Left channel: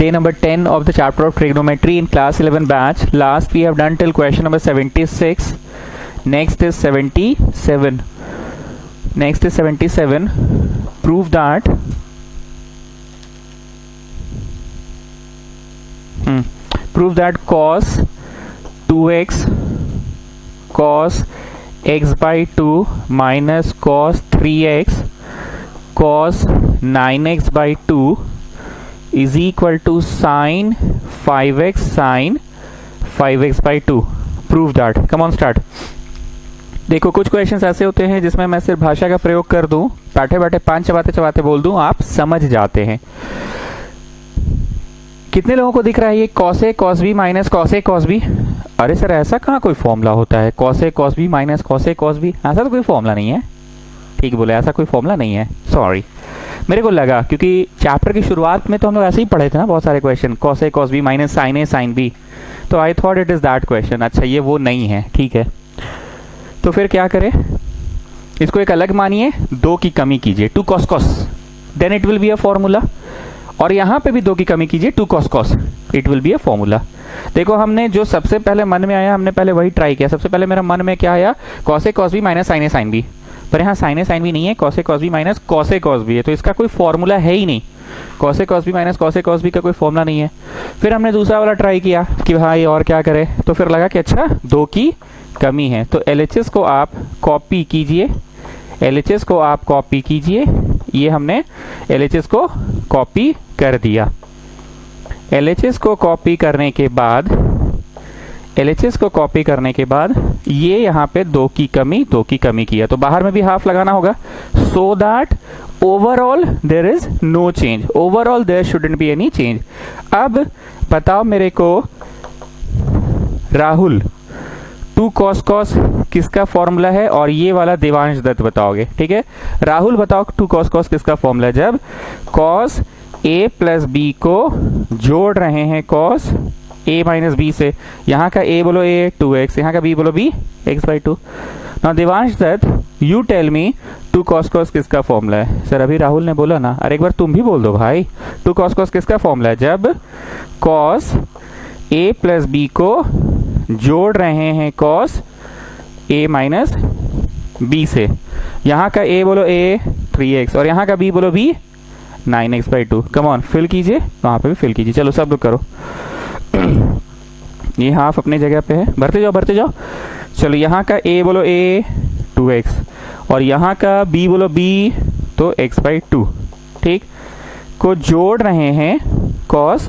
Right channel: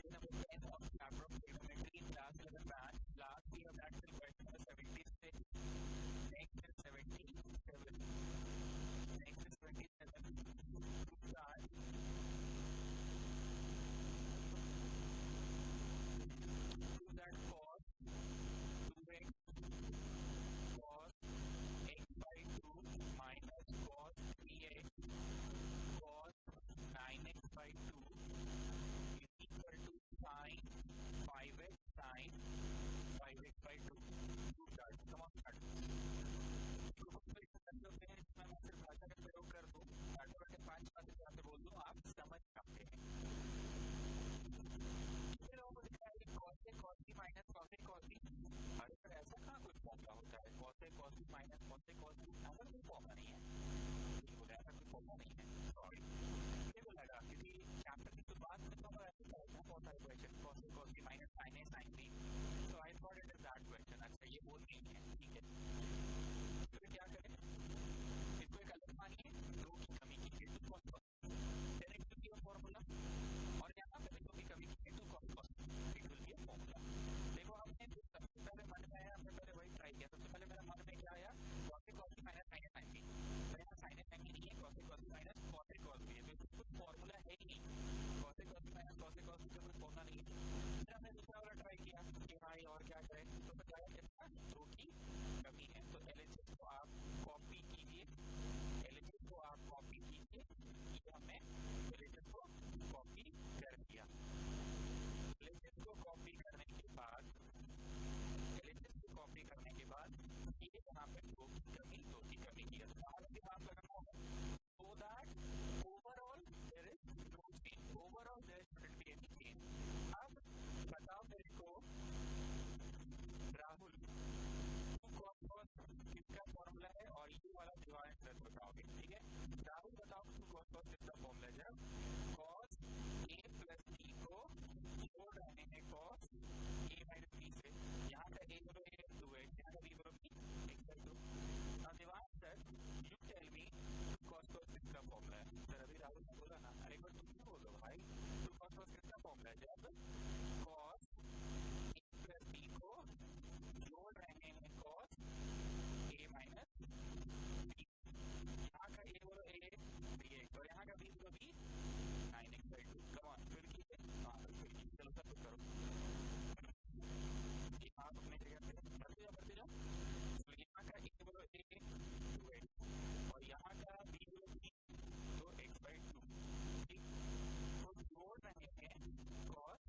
Day number 10 of the chapter of trigonometry in class 11 batch. Last we have done till question number 76. Next is 77. Next is 77. Prove that prove that cos 2x cos x by 2 minus cos 3x cos 9x by 2 is equal to sin 5x sin 5x by 2. Prove that. Come on, start. देखो कुछ questions ऐसे होते हैं जिसमें मैं सिर्फ भाषा का प्रयोग कर दूं, बैठे बैठे पांच चबाते चबाते बोल दूं, आप समझ जाते हैं. कितने लोगों को दिख रहा है ये cos a cos b minus cos a cos b? अरे सर ऐसा कहाँ कोई फॉर्मूला होता है? cos a cos b minus cos a cos b, ऐसा तो कोई फॉर्मूला नहीं है. ठीक बोले, ऐसा कोई फॉर्मूला नहीं है. सॉरी, मेरे को लगा क्योंकि चैप्टर की शुरुआत में तो हम लोग ऐसे ही पढ़े थे ना बहुत सारे question, cos a cos b minus sin a sin b, तो I thought it is that question. अच्छा ये वो नहीं है, ठीक है. तो फिर क्या करें, इसको एक अलग मानिए, 2 की कमी कीजिए 2 cos cos, then it will be a formula. और यहां पे भी 2 की कमी कीजिए 2 cos cos, it will be a formula. देखो हमने जो सबसे पहले मन में आया हमने पहले वही ट्राई किया. सबसे पहले मेरा मन में क्या आया, cos a cos b minus sin a sin b, पर यहाँ sin a sin b नहीं है, cos a cos b minus cos a cos b है, तो इसका कोई फॉर्मूला है ही नहीं. cos a cos b minus cos a cos b का कोई फॉर्मूला नहीं है. फिर हमने दूसरा वाला ट्राई किया कि भाई और क्या करें, तो फिर लगा कि अच्छा 2 की कमी है, तो LHS को आप कॉपी कीजिए, LHS को आप कॉपी कीजिए. ये हमने LHS को कॉपी कर दिया. LHS को कॉपी करने के बाद LHS को कॉपी करने के बाद ये यहाँ पे 2 की कमी किया, तो बाहर में भी हाफ लगाना होगा, so that overall there is no change, overall there shouldn't be any change. अब बताओ मेरे को राहुल, 2 cos cos किसका फॉर्मूला है, और ये वाला देवांश दत्त बताओगे. ठीक है, राहुल बताओ 2 cos cos किसका फॉर्मूला है. जब cos a प्लस b को जोड़ रहे हैं cos a माइनस b से, यहाँ का a बोलो a 2x, यहाँ का b बोलो b x by 2. Now Devansh Dutt you tell me 2 cos cos किसका फॉर्मूला है. सर अभी राहुल ने बोला ना, अरे एक बार तुम भी बोल दो भाई, 2 cos cos किसका फॉर्मूला है. जब cos a प्लस b को जोड़ रहे हैं cos a माइनस b से, यहाँ का a बोलो a 3x और यहाँ का b बोलो b 9x by 2. Come on, fill कीजिए, वहां पे भी फिल कीजिए. चलो सब लोग करो. ये हाफ अपने जगह पे है, भरते जाओ. चलो यहाँ का a बोलो a 2x और यहाँ का b बोलो b तो x बाई 2, ठीक, को जोड़ रहे हैं cos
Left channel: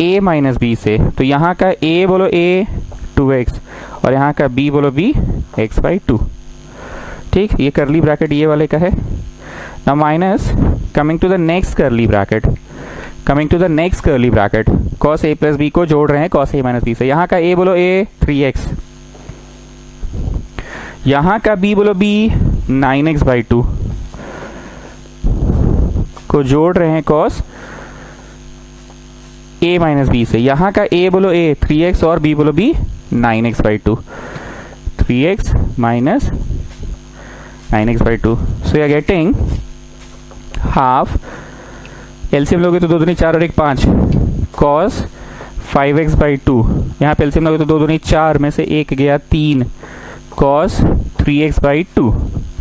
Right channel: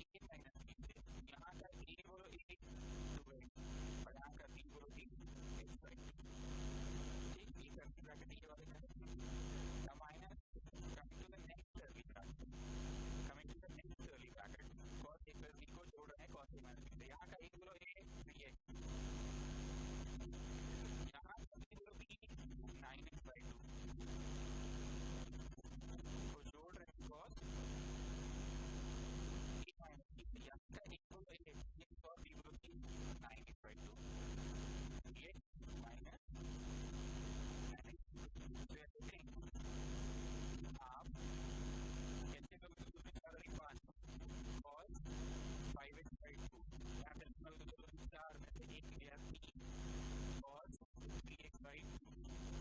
a माइनस b से, तो यहाँ का a बोलो a 2x और यहाँ का b बोलो b x बाई 2. ठीक, ये करली ब्रैकेट ये वाले का है. Now minus coming to the next curly bracket, cos a plus b को जोड़ रहे हैं cos a माइनस b से, यहाँ का a बोलो a 3x, यहाँ का b बोलो b 9x बाई 2 को जोड़ रहे हैं cos a माइनस b से, यहाँ का a बोलो a 3x और b बोलो b 9x by 2, 3x minus 9x by 2. So you are getting half, LCM लोगे तो 2 दूनी 4 और 1 5, cos 5x बाई 2, यहाँ पे एलसीएम लोगे तो 2 दूनी 4 में से 1 गया 3, cos 3x बाई 2.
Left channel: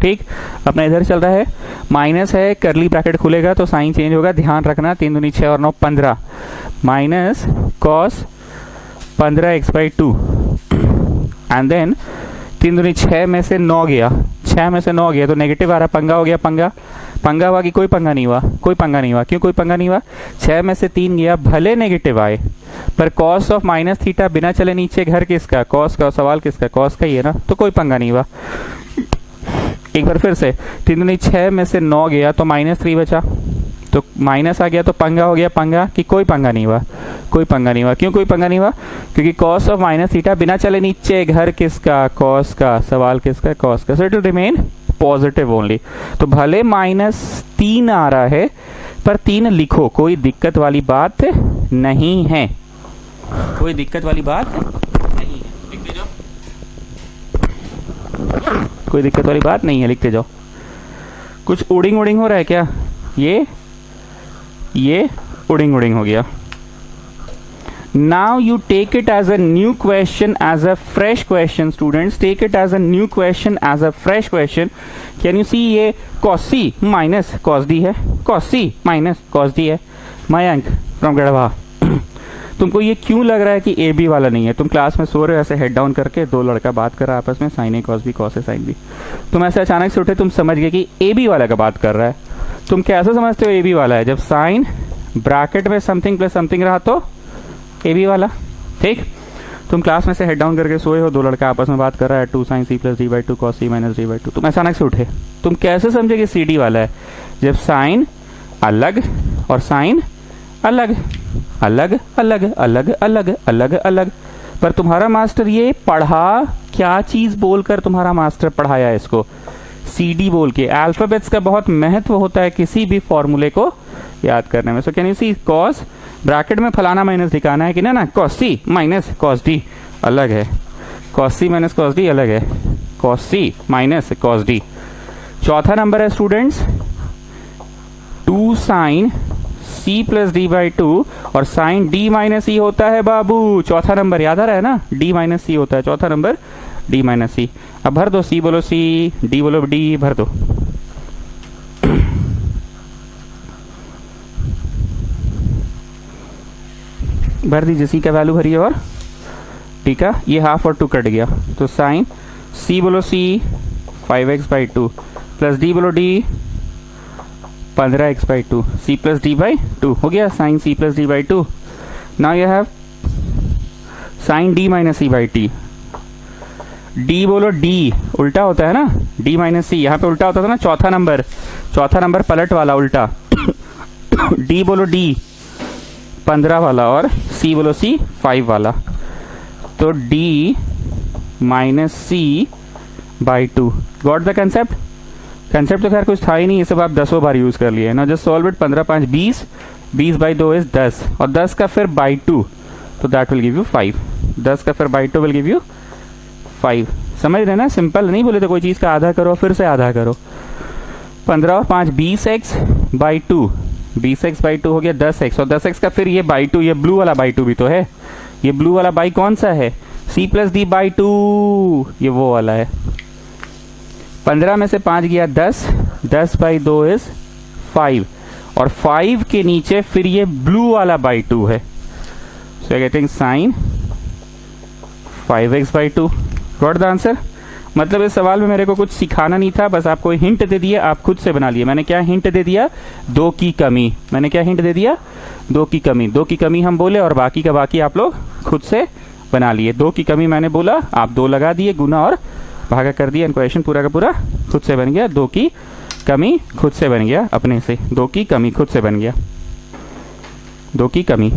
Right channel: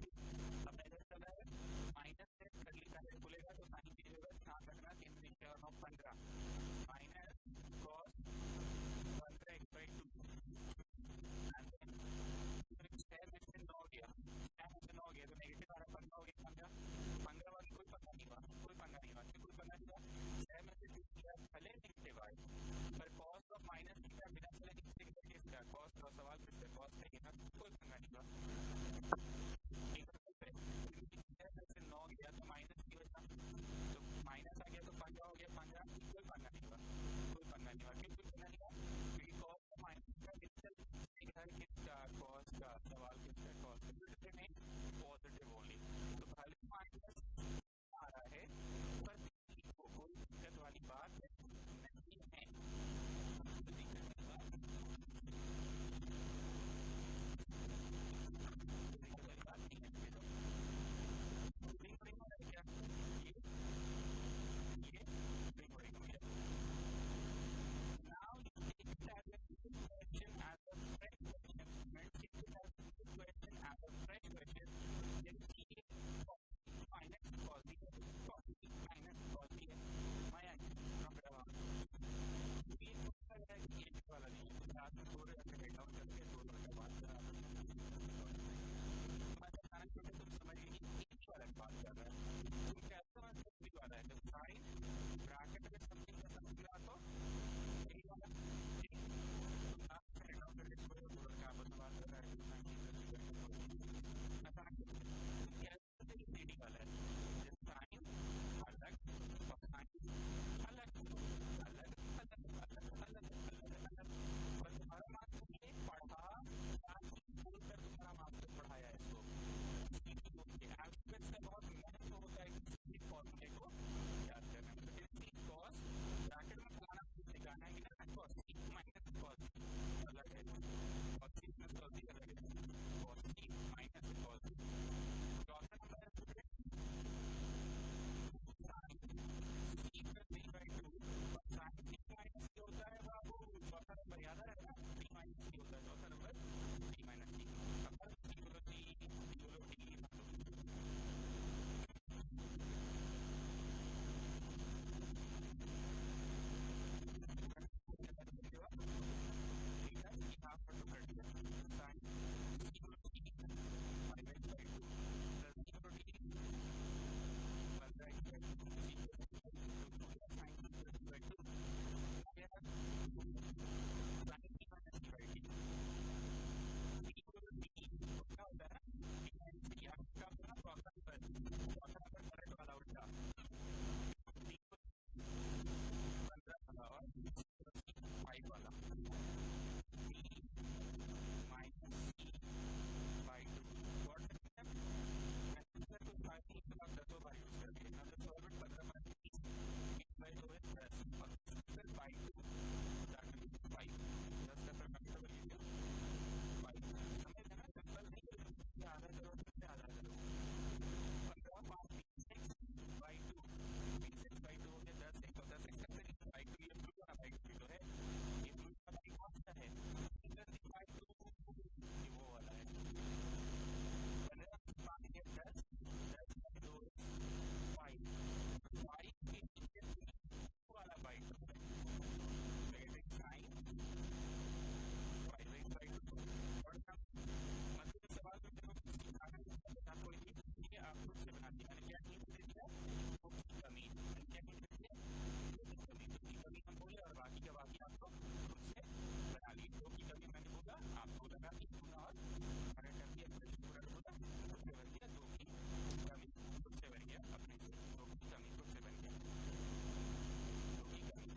ठीक, अपना इधर चल रहा है, माइनस है, करली ब्रैकेट खुलेगा तो साइन चेंज होगा, ध्यान रखना. 3 दूनी 6 और 9 15, minus cos 15x by 2 and then 3 दूनी 6 में से 9 गया, 6 में से 9 गया तो नेगेटिव आ रहा, पंगा हो गया. पंगा हुआ कि कोई पंगा नहीं हुआ, क्यों कोई पंगा नहीं हुआ, 6 में से 3 गया, भले नेगेटिव आए पर cos ऑफ माइनस थीटा बिना चले नीचे, घर किसका, cos का, सवाल किसका, cos का ही है ना, तो कोई पंगा नहीं हुआ. एक बार फिर से 3 दूनी 6 में से 9 गया तो माइनस 3 बचा, तो माइनस आ गया तो पंगा हो गया, पंगा कि कोई पंगा नहीं हुआ, क्यों कोई पंगा नहीं हुआ, क्योंकि cos ऑफ माइनस थीटा बिना चले नीचे, घर किसका, cos का, सवाल किसका, cos का, so it will remain positive only. तो भले -3 आ रहा है पर 3 लिखो, कोई दिक्कत वाली बात नहीं है, लिखते जाओ. कुछ उड़िंग हो रहा है क्या, ये उड़िंग हो गया. Now you take it as a new question, as a fresh question. Students, take it as a new question, as a fresh question. Can you see ये cos C minus cos D है, cos C minus cos D है. Mayank from Garhwa, तुमको ये क्यों लग रहा है कि ए बी वाला नहीं है? तुम क्लास में सो रहे हो ऐसे हेड डाउन करके, दो लड़का बात कर रहा है आपस में, sign A cos B cos A sine B. तुम ऐसे अचानक से उठे, तुम समझ गए कि ए बी वाला का बात कर रहा है. तुम कैसे समझते हो ए बी वाला है? जब साइन ब्रैकेट में समथिंग प्लस समथिंग रहा तो ए बी वाला. ठीक, तुम क्लास में से हेड डाउन करके सोए हो, दो लड़का आपस में बात कर रहा है, 2 sin c plus D by two cos C minus D by two. तुम अचानक से उठे, तुम कैसे समझे कि सी डी वाला है? जब साइन अलग और साइन अलग अलग अलग अलग अलग अलग अलग. पर तुम्हारा मास्टर ये पढ़ा क्या चीज बोलकर? तुम्हारा मास्टर पढ़ाया इसको सी डी बोल के. अल्फाबेट्स का बहुत महत्व होता है किसी भी फॉर्मूले को याद करने में. So can you see, cos bracket में फलाना माइनस दिखाना है कि ना, cos C minus cos D अलग है, cos C minus cos D अलग है, cos C minus cos D. चौथा नंबर है students 2 sin c plus D by two, और साइन डी माइनस ई होता है बाबू. चौथा नंबर याद आ रहा है ना, डी माइनस सी होता है. चौथा नंबर डी माइनस सी. अब भर दो, सी बोलो सी, डी बोलो डी, भर दो. भर दीजिए, सी का वैल्यू भरिए और डी का, ये हाफ और 2 कट गया तो साइन सी बोलो C 5x by two plus D बोलो D 15x by two, C plus D by two हो गया sine C plus D by two. Now you have sine D minus C by T. D बोलो D, उल्टा होता है ना, D minus सी यहाँ पे उल्टा होता था ना. चौथा नंबर पलट वाला उल्टा. डी बोलो डी 15 वाला और सी बोलो सी 5 वाला. तो D minus C by two. Got the concept? Concept तो खैर कुछ था ही नहीं, ये सब आप 10 बार यूज कर लिए ना. Just solve it. 15 5 20, 20 by 2 is 10, और 10 का फिर बाई टू, तो दैट विल गिव यू 5. 10 का फिर by two will give you 5. समझ रहे ना? सिंपल नहीं बोले तो कोई चीज का आधा करो फिर से आधा करो. 15 और 5 20x by two, 20x by two हो गया 10x, और 10x का फिर ये बाई टू, ये ब्लू वाला बाई टू भी तो है. ये ब्लू वाला बाई कौन सा है? c plus D by to, ये वो वाला है. 15 में से 5 गया 10, 10 बाई 2 इज 5, और 5 के नीचे फिर ये ब्लू वाला बाई टू है. So getting sine 5x by two. Got the answer? मतलब इस सवाल में मेरे को कुछ सिखाना नहीं था, बस आपको हिंट दे दिया, आप खुद से बना लिए. मैंने क्या हिंट दे दिया? 2 की कमी. मैंने क्या हिंट दे दिया? 2 की कमी. 2 की कमी हम बोले और बाकी का बाकी आप लोग खुद से बना लिए. 2 की कमी मैंने बोला, आप 2 लगा दिए, गुना और भागा कर दिया, क्वेश्चन पूरा का पूरा खुद से बन गया. 2 की कमी खुद से बन गया अपने से. 2 की कमी खुद से बन गया. 2 की कमी.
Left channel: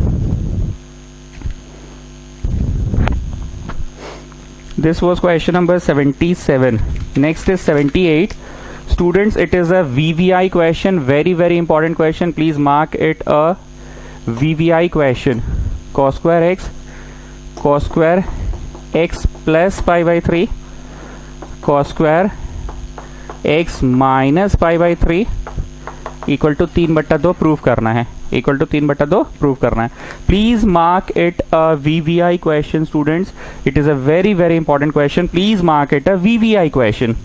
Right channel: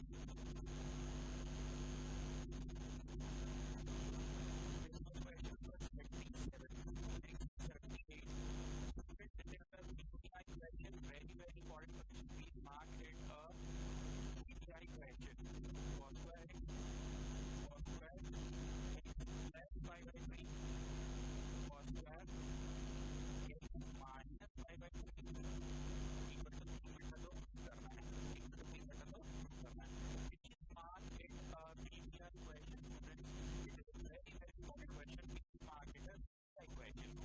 This was question number 77. Next is 78. Students, it is a VVI question. Very, very important question. Please mark it a VVI question. Cos square x plus pi by 3, cos square x minus pi by 3 equal to 3/2 prove करना है. Equal to 3/2 prove करना है. Please mark it a VVI question students. It is a very very important question. Please mark it a VVI question.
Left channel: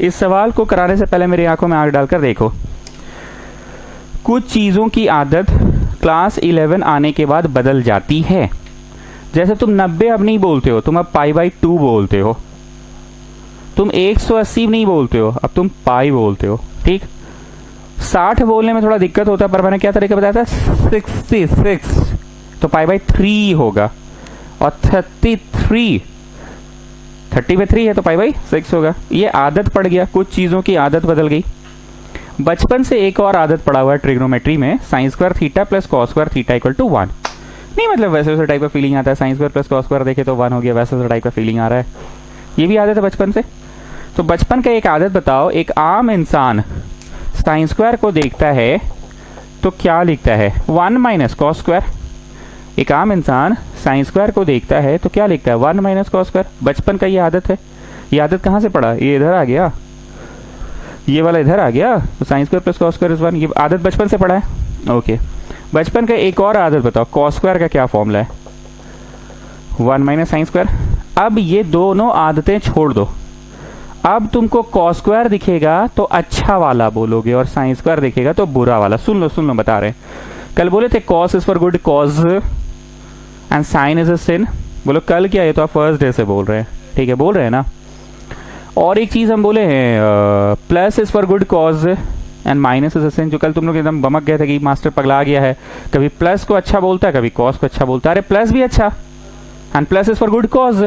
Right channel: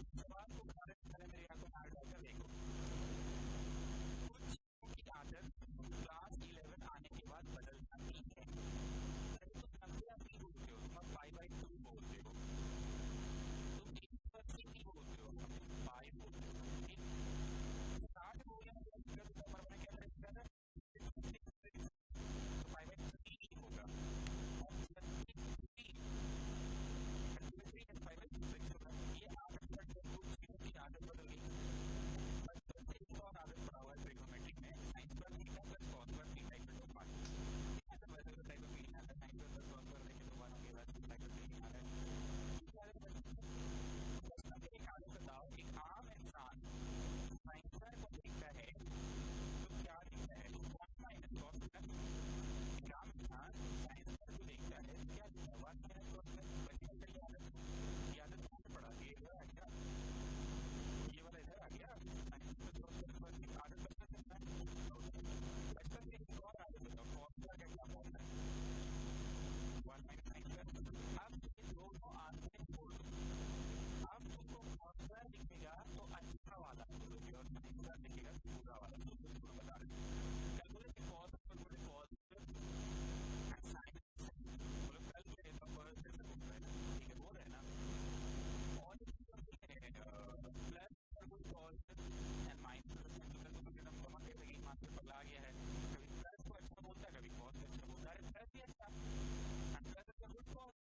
इस सवाल को कराने से पहले मेरी आंखों में आंख डालकर देखो. कुछ चीजों की आदत क्लास 11 आने के बाद बदल जाती है. जैसे तुम 90 अब नहीं बोलते हो, तुम अब पाई बाई 2 बोलते हो. तुम 180 नहीं बोलते हो, अब तुम पाई बोलते हो. ठीक, 60 बोलने में थोड़ा दिक्कत होता है, पर मैंने क्या तरीका बताया था? 66 तो पाई बाई 3 होगा, और 33 30 में 3 है तो पाई बाई 6 होगा. ये आदत पड़ गया, कुछ चीजों की आदत बदल गई. बचपन से एक और आदत पड़ा हुआ है ट्रिग्नोमेट्री में, sine square theta plus cos square theta equal to 1. नहीं मतलब वैसे वैसे टाइप का फीलिंग आता है, sine square plus cos square देखे तो 1 हो गया, वैसे वैसे टाइप का फीलिंग आ रहा है. ये भी आदत है बचपन से. तो बचपन का एक आदत बताओ, एक आम इंसान साइन स्क्वायर को देखता है तो क्या लिखता है? 1 माइनस कॉस स्क्वायर. एक आम इंसान साइन स्क्वायर को देखता है तो क्या लिखता है? 1 माइनस कॉस स्क्वायर. बचपन का ये आदत है. ये आदत कहाँ से पड़ा? ये इधर आ गया, ये वाला इधर आ गया, तो sine square plus cos square is 1. ये आदत बचपन से पड़ा है. ओके, बचपन का एक और आदत बताओ, कॉस स्क्वायर का क्या फॉर्मूला है? 1 माइनस साइन स्क्वायर। अब ये दोनों आदतें छोड़ दो, अब तुमको कॉस स्क्वायर दिखेगा तो अच्छा वाला बोलोगे और साइन स्क्वायर दिखेगा तो बुरा वाला। सुन लो बता रहे हैं, कल बोले थे cos is for good cause and sine is a sin. बोलो कल क्या, ये तो आप फर्स्ट डे से बोल रहे हैं, ठीक है बोल रहे हैं ना। और एक चीज हम बोले हैं plus is for good cause and minus is a sin, जो कल तुम लोग एकदम बमक गए थे कि मास्टर पगला गया है, कभी प्लस को अच्छा बोलता है कभी कॉस को अच्छा बोलता है। अरे प्लस भी अच्छा, and plus is for good cause,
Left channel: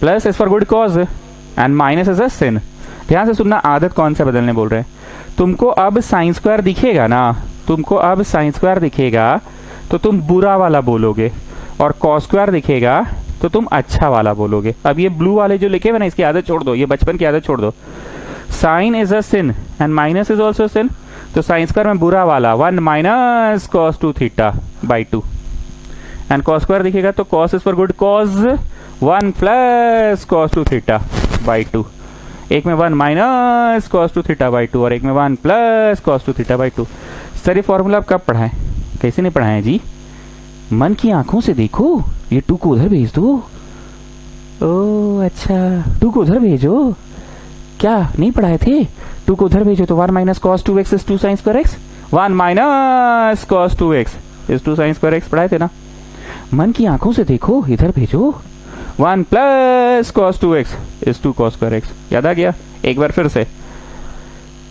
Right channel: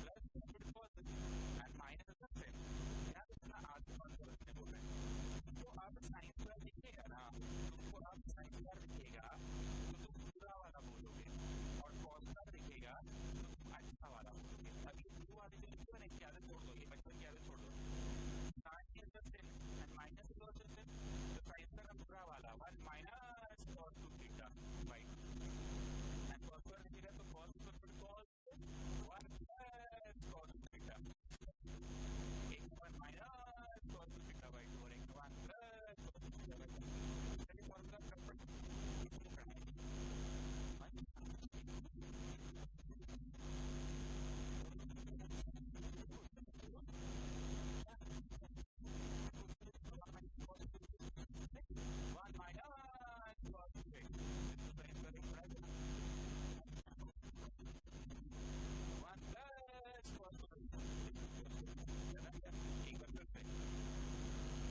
plus is for good cause and minus is a sin. ध्यान से सुनना, आदत कौन सा बदलने बोल रहे हैं। तुमको अब साइन स्क्वायर दिखेगा ना, तुमको अब साइन स्क्वायर दिखेगा तो तुम बुरा वाला बोलोगे, और कॉस स्क्वायर दिखेगा तो तुम अच्छा वाला बोलोगे। अब ये ब्लू वाले जो लिखे हुए ना, इसकी आदत छोड़ दो, ये बचपन की आदत छोड़ दो। Sine is a sin and minus is also sin, तो साइन स्क्वायर में बुरा वाला 1 minus cos 2 theta by 2, and cos square दिखेगा तो cos is for good cos 1 plus cos 2 theta by 2। एक में 1 माइनस कॉस 2 थीटा बाई 2 और एक में 1 plus cos 2 theta by 2। Sir ये फॉर्मूला आप कब पढ़ाएं, कैसे नहीं पढ़ाएं जी? मन की आंखों से देखो, ये 2 को उधर भेज दो। ओ अच्छा, 2 को उधर भेजो, क्या नहीं पढ़ाए थे? 2 को उधर भेजो तो 1 minus cos 2x is 2 sine square x, 1 minus cos 2x is 2 sine square x पढ़ाए थे ना। मन की आंखों से देखो, इधर भेजो, 1 plus cos 2x is 2 cos square x. याद आ गया? एक बार फिर से,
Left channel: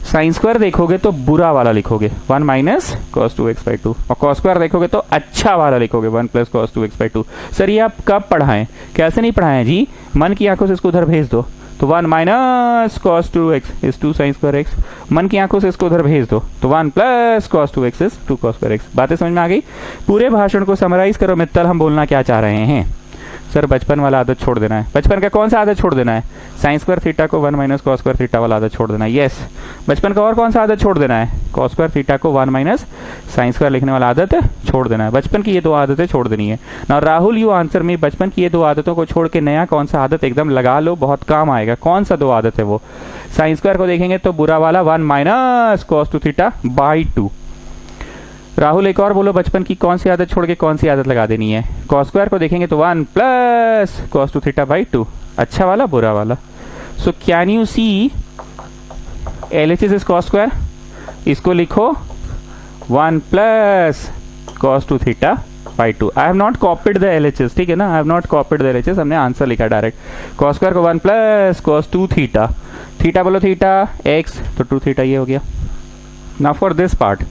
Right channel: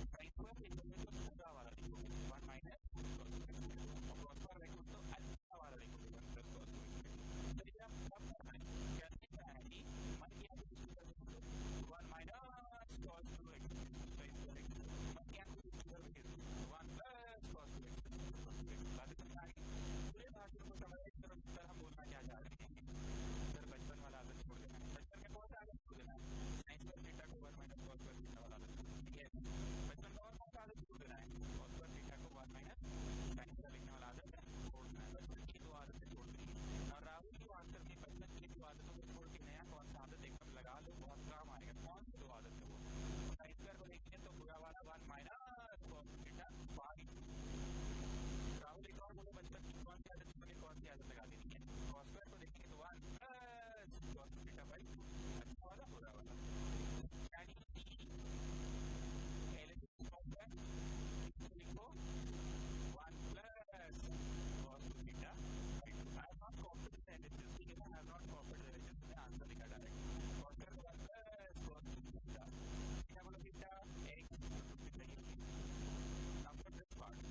साइन स्क्वायर देखोगे तो बुरा वाला लिखोगे 1 माइनस कॉस 2x बाई 2, और कॉस स्क्वायर देखोगे तो अच्छा वाला लिखोगे 1 plus cos 2x by 2। Sir ये आप कब पढ़ाएं, कैसे नहीं पढ़ाएं जी? मन की आंखों से इसको उधर भेज दो तो 1 minus cos 2x is 2 sine square x. मन की आंखों से इसको उधर भेज दो तो 1 plus cos 2x is 2 cos square x. बातें समझ में आ गई? पूरे भाषण को समराइज करो मित्तल, हम बोलना क्या चाह रहे हैं। सर बचपन वाला आदत छोड़ देना है। बचपन का कौन सा आदत छोड़ देना है? साइन स्क्वायर थीटा को 1 माइनस कॉस स्क्वायर थीटा वाला आदत छोड़ देना है। यस। बचपन का और कौन सा आदत छोड़ देना है? कॉस स्क्वायर थीटा को 1 माइनस साइन स्क्वायर लिखने वाला आदत छोड़ देना है। बचपन की ये 2 आदतें छोड़ देनी है ना। राहुल यू आंसर में, बचपन की ये 2 आदतों को छोड़ के नया कौन सा आदत एकदम लगा लो, बहुत काम आएगा। कौन सा 2 आदत है वो? साइन स्क्वायर को देखेंगे तो बुरा वाला 1 minus cos 2 theta by 2। Rahul एक और बोलो, बचपन की कौन सी आदत छोड़ के कौन सी आदत लगा देनी है? कॉस स्क्वायर को देखेंगे तो 1 प्लस कॉस 2 थीटा बाई 2, अच्छा वाला बुरा वाला। So can you see LHS is cos square, इसको लिखो 1 plus cos 2 theta by 2। I have not copied the LHS, ठीक है ना, I have not copied the LHS, हमने आंसर लिखा डायरेक्ट। कॉस स्क्वायर को 1 प्लस कॉस 2 थीटा, थीटा बोलो theta x तो 2 थीटा ये हो गया। Now for this part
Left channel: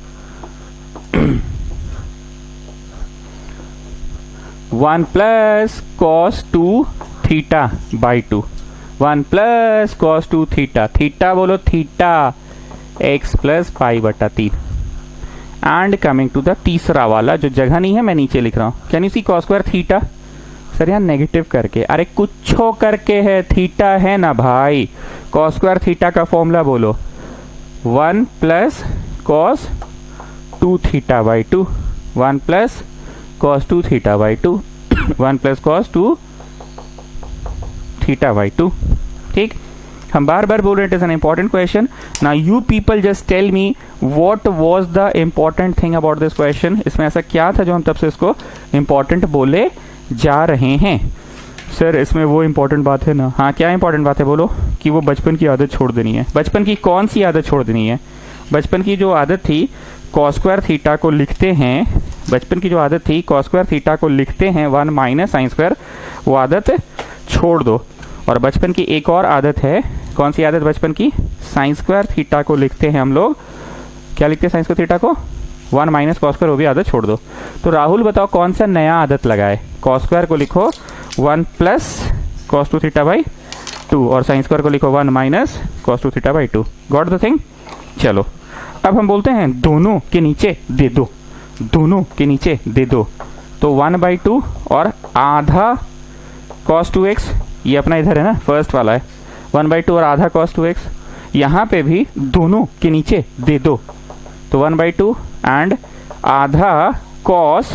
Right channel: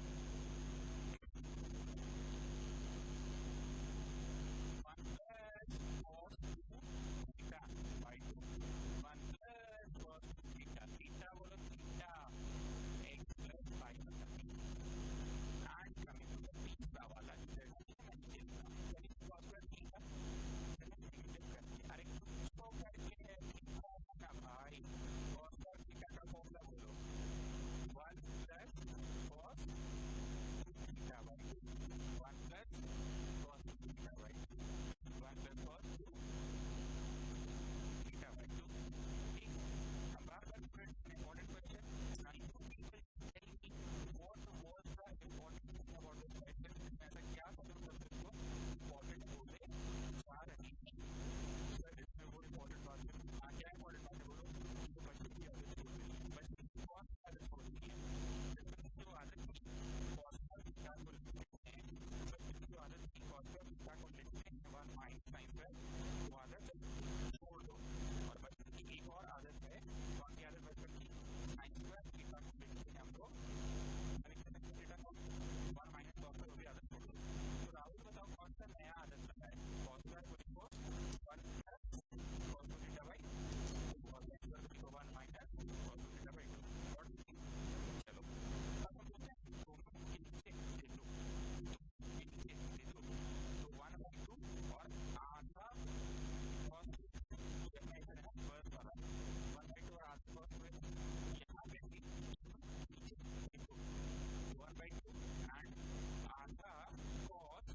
1 plus cos 2 theta by 2, 1 plus cos 2 theta, theta बोलो थीटा x प्लस पाई बटा 3। एंड कमिंग टू द तीसरा वाला, जो जगह नहीं है मैं नीचे लिख रहा हूं। Can you see cos square theta? Sir यहाँ नेगेटिव करके, अरे कुछ करके है, थीटा है ना भाई। कॉस स्क्वायर थीटा का फॉर्मूला बोलो 1 plus cos 2 theta by 2, 1 plus cos 2 theta by 2, 1 plus cos 2 theta by 2। ठीक, हम बार बार बोल रहे हैं it is an important question. Now you people just tell me what was the important thing about this question. इसमें ऐसा क्या था जो हम तब से इसको इंपॉर्टेंट बोले जा रहे हैं? सर इसमें वो इंपॉर्टेंट बात है ना। हाँ, क्या इंपॉर्टेंट बात है बोलो? कि वो बचपन की आदत छोड़ देनी है। बचपन की कौन सी आदत छोड़ देनी है? बचपन की जो आदत थी कॉस स्क्वायर थीटा को लिखते हैं, बचपन की जो आदत थी कॉस स्क्वायर थीटा को लिखते हैं 1 माइनस साइन स्क्वायर, वो आदत छोड़ दो। और बचपन की एक और आदत है, कौन सी आदत बचपन की? साइन स्क्वायर थीटा को लिखते हैं हम लोग, क्या लिखते हैं साइन स्क्वायर थीटा को? 1 माइनस कॉस स्क्वायर, वो भी आदत छोड़ दो। तो राहुल बताओ कौन सा नया आदत लगाए? कॉस स्क्वायर को लिखो 1 प्लस कॉस 2 थीटा बाई 2 और साइन स्क्वायर को लिखो 1 minus cos 2 theta by 2। Got the thing? चलो अब हम बोलते हैं दोनों के नीचे दे दो, दोनों के नीचे दे दो। तो 1/2 और आधा cos 2x, ये अपना इधर है ना, फर्स्ट वाला है 1/2 और आधा cos 2x। यहाँ पे भी दोनों के नीचे दे दो, तो 1/2 एंड आधा cos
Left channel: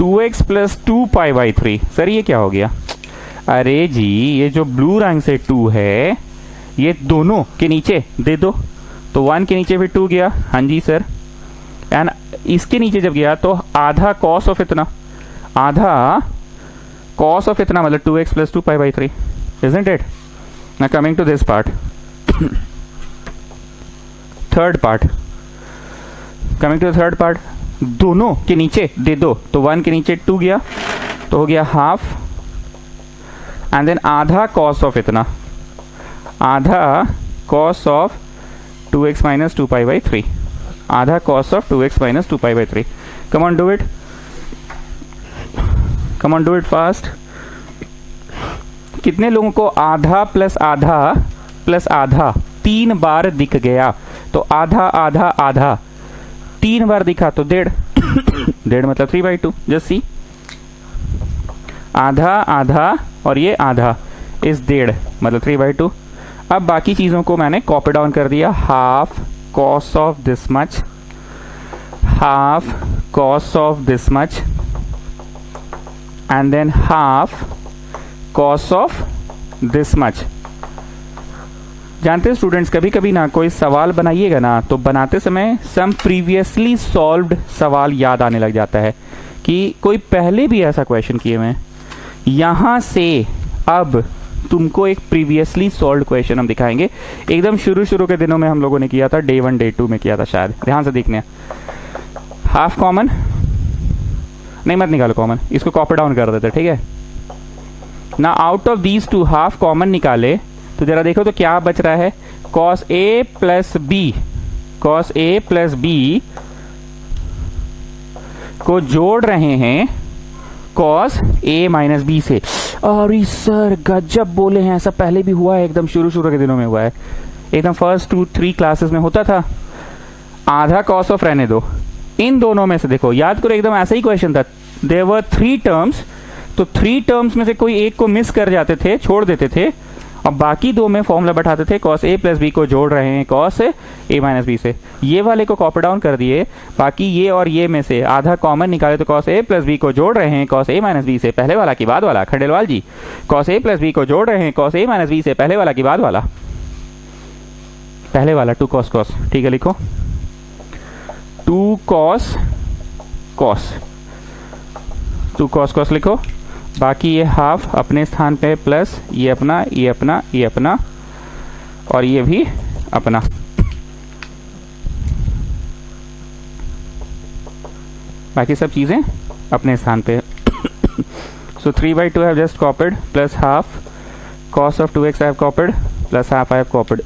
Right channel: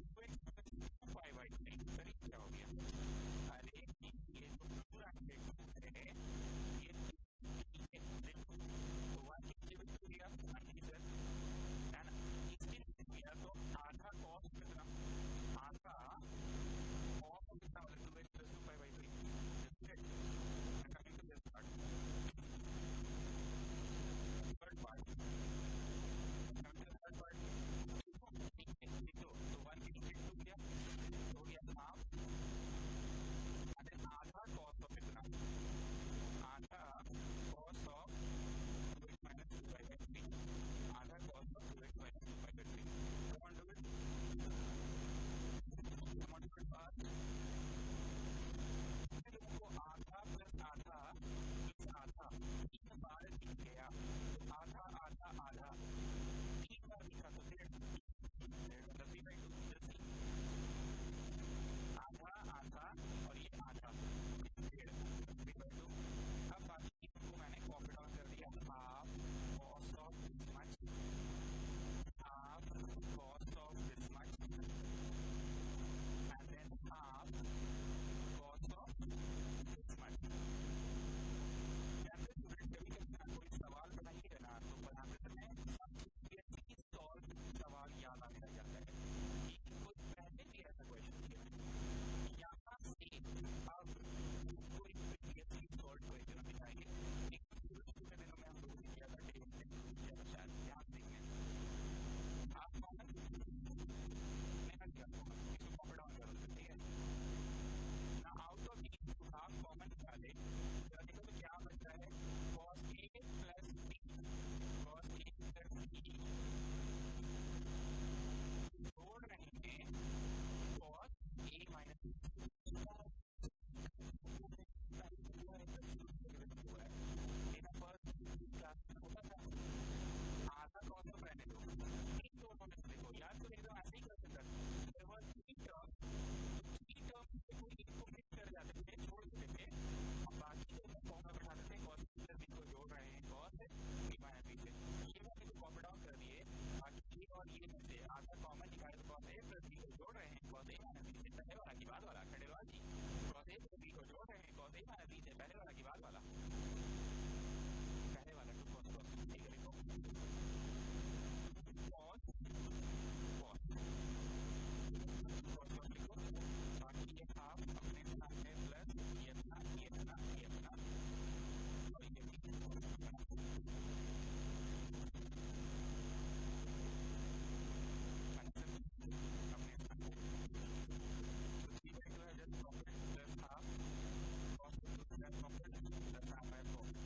2x plus 2 pi by 3। Sir ये क्या हो गया? अरे जी ये जो ब्लू रंग से 2 है ये दोनों के नीचे दे दो, तो 1 के नीचे भी 2 गया। हाँ जी सर। एंड इसके नीचे जब गया तो आधा कॉस ऑफ इतना, आधा कॉस ऑफ इतना मतलब 2x plus 2π/3, isn't it? Now coming to this part, third part, coming to the third part, दोनों के नीचे दे दो तो 1 के नीचे 2 गया तो हो गया हाफ, एंड देन आधा कॉस ऑफ इतना, आधा कॉस ऑफ 2x minus 2π/3, आधा cos of 2x minus 2π/3. Come on, do it. Come on, do it fast. कितने लोगों को आधा प्लस आधा प्लस आधा 3 बार दिख गया? तो आधा आधा आधा 3 बार दिखा तो 1.5 1.5 मतलब 3/2. जस्ट सी, आधा आधा और ये आधा इस 1.5 मतलब 3/2. अब बाकी चीजों को मैंने कॉपी डाउन कर दिया. Half cos of this much, half cos of this much, and than half cos of this much. जानते हैं स्टूडेंट्स, कभी कभी ना कोई सवाल बनाइएगा ना तो बनाते समय सम प्रीवियसली सॉल्व्ड सवाल याद आने लग जाता है कि कोई पहले भी ऐसा क्वेश्चन किए हुए हैं. यहां से अब तुमको एक प्रीवियसली सॉल्व्ड क्वेश्चन हम दिखाएंगे. एकदम शुरू के दिनों में हम लोगों ने किया था, डे 1 डे 2 में किया था शायद. ध्यान से देखने. हाफ कॉमन नहीं, मत निकालो कॉमन, इसको कॉपी डाउन कर देते. ठीक है ना. Out of these two half common निकाले तो जरा देखो तो क्या बच रहा है. Cos A plus B, cos A plus B को जोड़ रहे हैं कॉस ए माइनस बी से. अरे सर गजब बोले हैं, ऐसा पहले भी हुआ है, एकदम शुरू के दिनों में हुआ है, एकदम फर्स्ट 2-3 क्लासेस में होता था. आधा कॉस ऑफ रहने दो, इन दोनों में से देखो, याद करो एकदम ऐसा ही क्वेश्चन था. देयर वर 3 टर्म्स, तो 3 टर्म्स में से कोई एक को मिस कर जाते थे, छोड़ देते थे, और बाकी 2 में फॉर्मूला बैठाते थे. कॉस ए प्लस बी को जोड़ रहे हैं कॉस ए माइनस बी से. ये वाले को कॉपी डाउन कर दिए. बाकी ये और ये में से आधा कॉमन निकाले तो कॉस ए प्लस बी को जोड़ रहे हैं कॉस ए माइनस बी से. पहले वाला की बाद वाला, खंडेलवाल जी, कॉस ए प्लस बी को जोड़ रहे हैं कॉस ए माइनस बी से. पहले वाला की बाद वाला, पहले वाला 2 कॉस कॉस. ठीक है, लिखो 2 कॉस कॉस, 2 कॉस कॉस लिखो. बाकी ये हाफ अपने स्थान पे प्लस ये अपना, ये अपना, ये अपना, और ये भी अपना. बाकी सब चीजें अपने स्थान पे. सो 3/2 have just copied, plus half cos of 2x I have copied, plus half I have copied.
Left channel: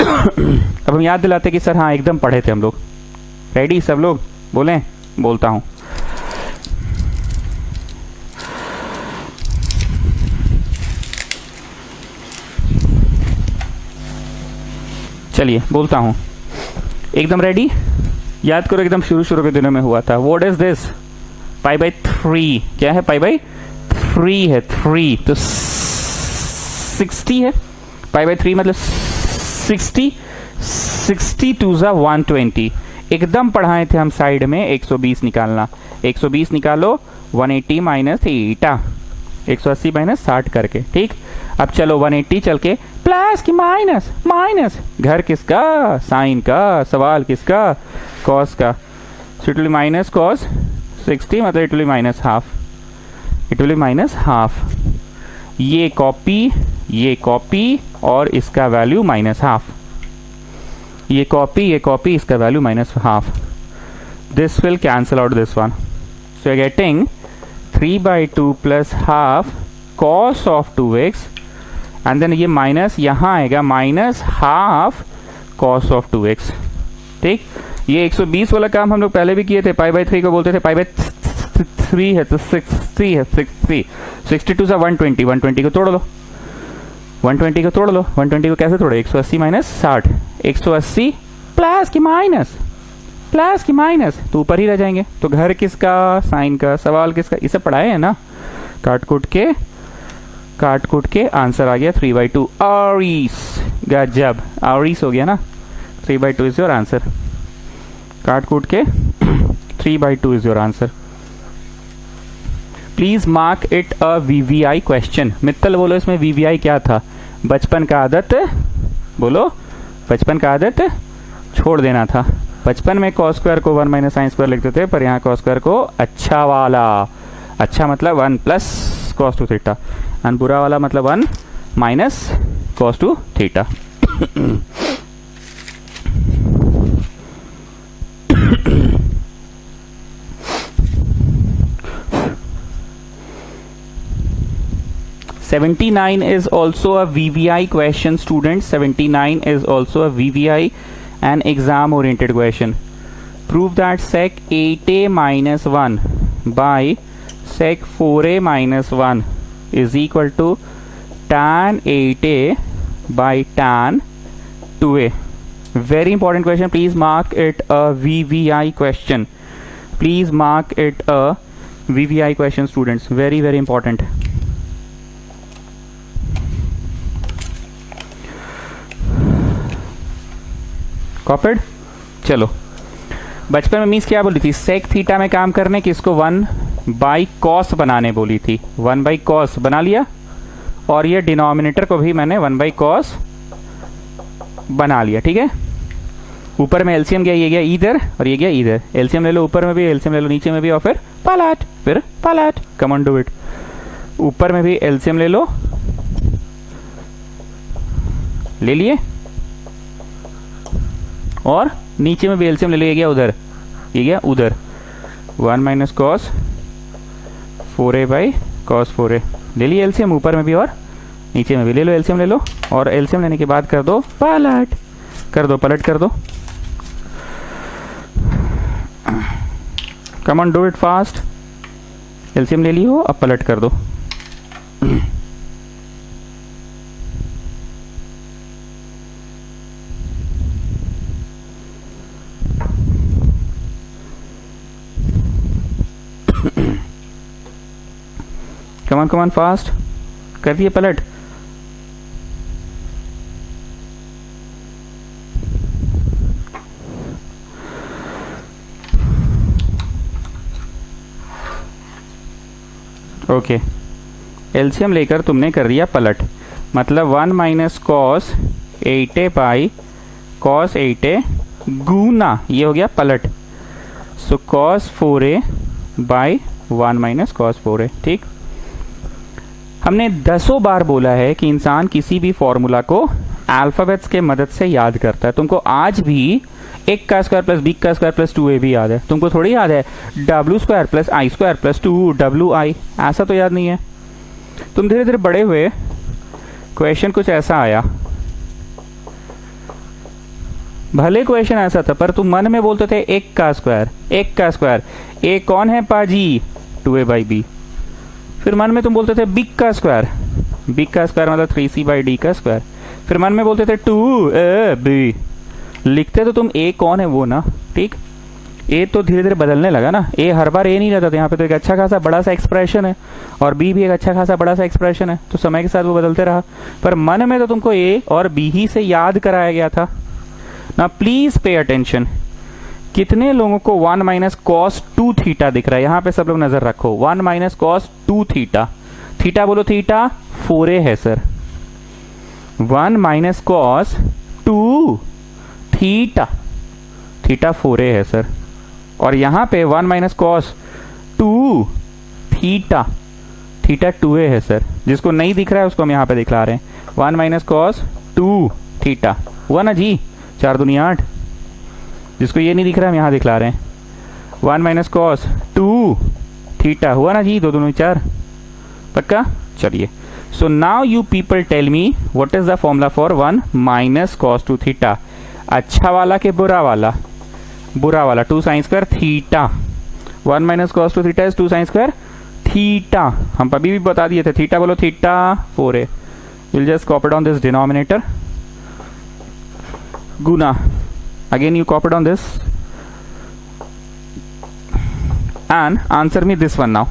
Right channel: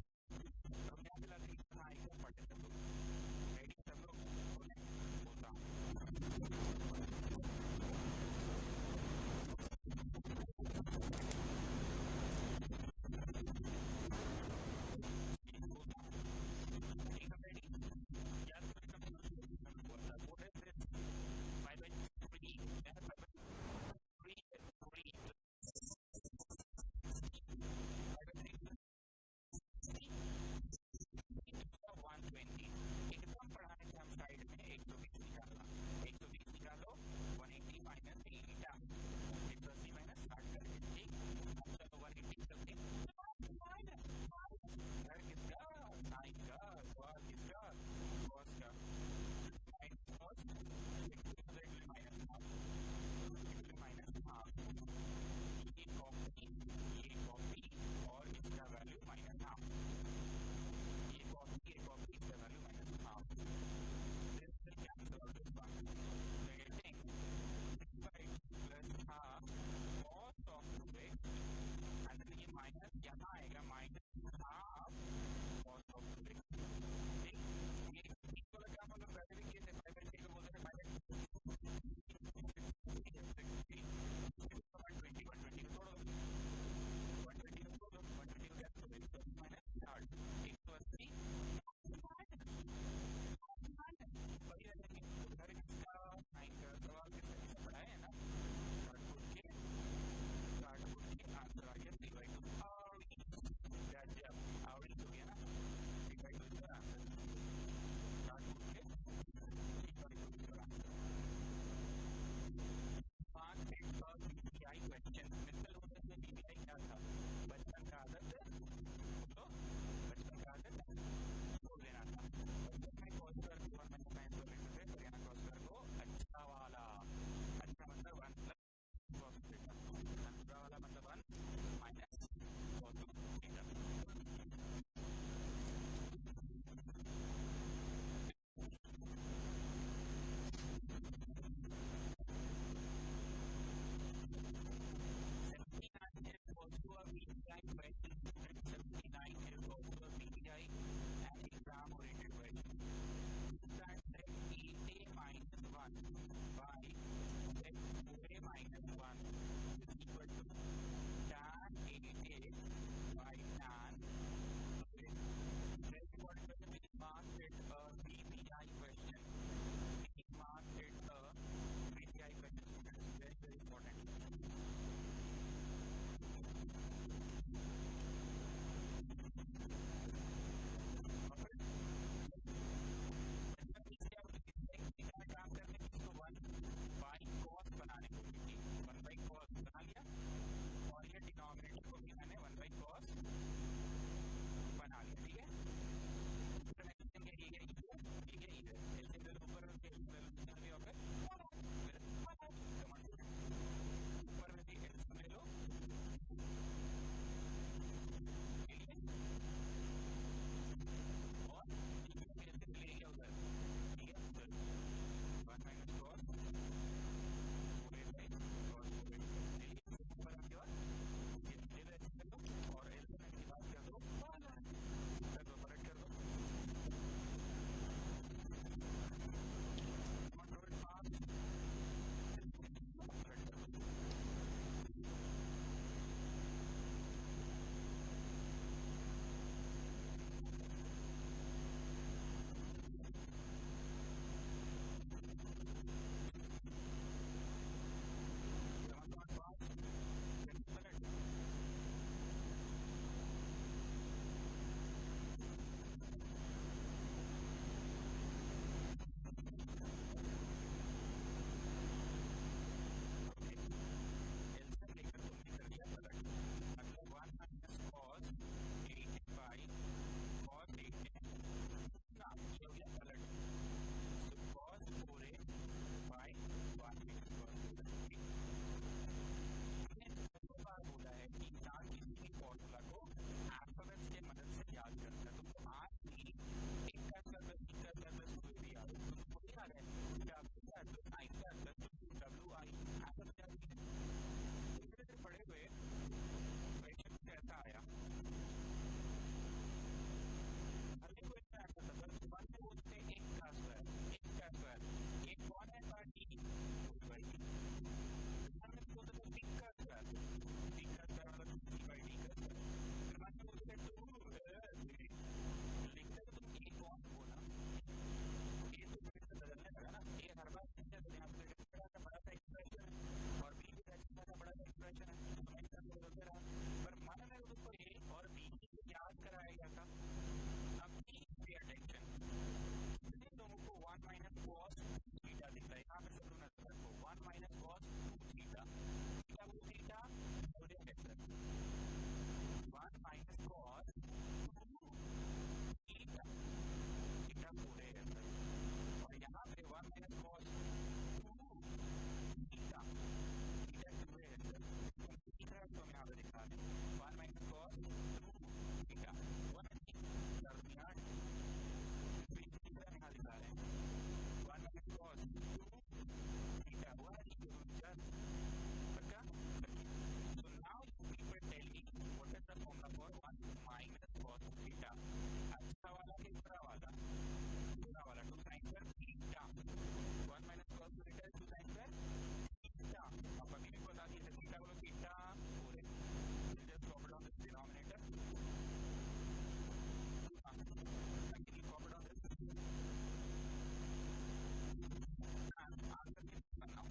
अब हम याद दिलाते कि सर हाँ एकदम पढ़े थे हम लोग. रेडी सब लोग? बोलें, बोलता हूं. चलिए बोलता हूं, एकदम रेडी. याद करो एकदम शुरू के दिनों में हुआ था. What is this? π/3. क्या है? π/3 है. 3 तो 60 है. π/3 मतलब 60. 60 2 ज़ा 120. एकदम पढ़ाए थे हम साइड में 120 निकालना. 120 निकालो, 180 माइनस थीटा, 180 माइनस 60 करके. ठीक, अब चलो 180 चल के प्लस की माइनस माइनस, घर किसका? साइन का. सवाल किसका? कॉस का. So it will minus cos 60 मतलब it will minus half, it will minus half. ये कॉपी और इसका वैल्यू माइनस हाफ. ये कॉपी इसका value minus half. This will cancel out this one. So you are getting 3/2 plus half cos of 2x, and then ये minus यहां आएगा, minus half cos of 2x. ठीक, ये 120 वाला काम हम लोग पहले भी किए थे. π/3 को बोलते थे π/3 है तो 60 है. 60 62 से 120, 120 को तोड़ लो, 120 को तोड़ लो. 120 को कैसे तोड़े? 180 माइनस 60, 180 प्लस की माइनस, प्लस की माइनस, तो ऊपर ही रह जाएंगे. तो घर किसका? साइन का. सवाल किसका? इसे पढ़ाए है ना. काट कूट के आंसर आ गया 3/2. आरीस, गजब, आरीस हो गया ना. 3/2 इज योर आंसर. काट कूट के 3/2 is your answer. Please mark it a VVI question. Mittal बोलो इसमें VVI क्या था? बचपन का आदत, बोलो, बचपन का आदत छोड़ देना था. बचपन में cos स्क्वायर को 1 माइनस साइन स्क्वायर लिखते थे, पर यहाँ cos स्क्वायर को अच्छा वाला, अच्छा मतलब 1 plus cos two theta, and बुरा वाला मतलब 1 minus cos two theta. $79 is also a VVI question, students. 79 is also a VVI and exam oriented question. Prove that sec 8a minus 1 by sec 4a minus 1 is equal to tan 8a by tan 2a. Very important question. Please mark it a VVI question. Please mark it a VVI question, students. Very, very important. Copied. चलो, बचपन में means क्या बोली थी, sec theta में काम करने की इसको 1 बाई कॉस बनाने बोली थी, 1 बाई कॉस बना लिया, और ये डिनोमिनेटर को भी मैंने 1 बाई कॉस बना लिया। ठीक है, ऊपर में एलसीएम गया, ये गया इधर और ये गया इधर, एलसीएम ले लो, ऊपर में भी एलसीएम ले लो, नीचे में भी, और फिर पलट, कम ऑन डू इट। ऊपर में भी एलसीएम ले लो, ले लिए, और नीचे में भी एलसीएम ले लो, ये गया उधर, ये गया उधर, 1 minus cos 4a by cos 4a ले लिए एलसीएम, ऊपर में भी और नीचे में भी ले लो, एलसीएम ले लो, और एलसीएम लेने के बाद कर दो पलट, कर दो, come on do it fast. LCM ले लियो, अब पलट कर दो। कमान फास्ट कर दिए पलट। ओके, एलसीएम लेकर तुमने कर दिया पलट, मतलब 1 minus cos 8a by cos 8a गुना, ये हो गया पलट, so cos 4a by 1 minus cos 4a। ठीक, हमने दसों बार बोला है कि इंसान किसी भी फॉर्मूला को अल्फाबेट्स के मदद से याद करता है। तुमको आज भी 1 का स्क्वायर प्लस b का स्क्वायर प्लस 2a भी याद है, तुमको थोड़ी याद है w square plus i square plus 2wi, ऐसा तो याद नहीं है। तुम धीरे धीरे बड़े हुए, क्वेश्चन कुछ ऐसा आया, भले क्वेश्चन ऐसा था, पर तुम मन में बोलते थे 1 का स्क्वायर, a कौन है पाजी, 2a बाई b। फिर मन में तुम बोलते थे बिग का स्क्वायर मतलब 3c बाई डी का स्क्वायर। फिर मन में बोलते थे 2ab, लिखते तो तुम a कौन है वो ना। ठीक, a तो धीरे धीरे बदलने लगा ना, a हर बार a नहीं रहता था, यहाँ पे तो एक अच्छा खासा बड़ा सा एक्सप्रेशन है, और b भी एक अच्छा खासा बड़ा सा एक्सप्रेशन है, तो समय के साथ वो बदलते रहा, पर मन में तो तुमको a और b ही से याद कराया गया था ना। प्लीज पे अटेंशन, कितने लोगों को 1 माइनस कॉस 2 थीटा दिख रहा है, यहाँ पे सब लोग नजर रखो, 1 माइनस कॉस 2 थीटा, थीटा बोलो थीटा 4a है sir, 1 minus cos 2 theta, theta 4a है सर, और यहाँ पे 1 minus cos 2 theta, theta 2a है सर। जिसको नहीं दिख रहा है उसको हम यहाँ पे दिखला रहे हैं, 1 माइनस कॉस 2 थीटा हुआ ना जी, 4 दूनी 8। जिसको ये नहीं दिख रहा है हम यहाँ दिखला रहे हैं, 1 माइनस कॉस 2 थीटा हुआ ना जी, 2 दूनी 4, पक्का। चलिए, so now you people tell me what is the formula for 1 minus cos 2 theta, अच्छा वाला के बुरा वाला, 2 sine square theta, 1 minus cos 2 theta is 2 sine square theta, हम अभी भी बता दिए थे, थीटा बोलो theta 4a, will just copy down this denominator, गुना, again you copied on this and answer me this one now,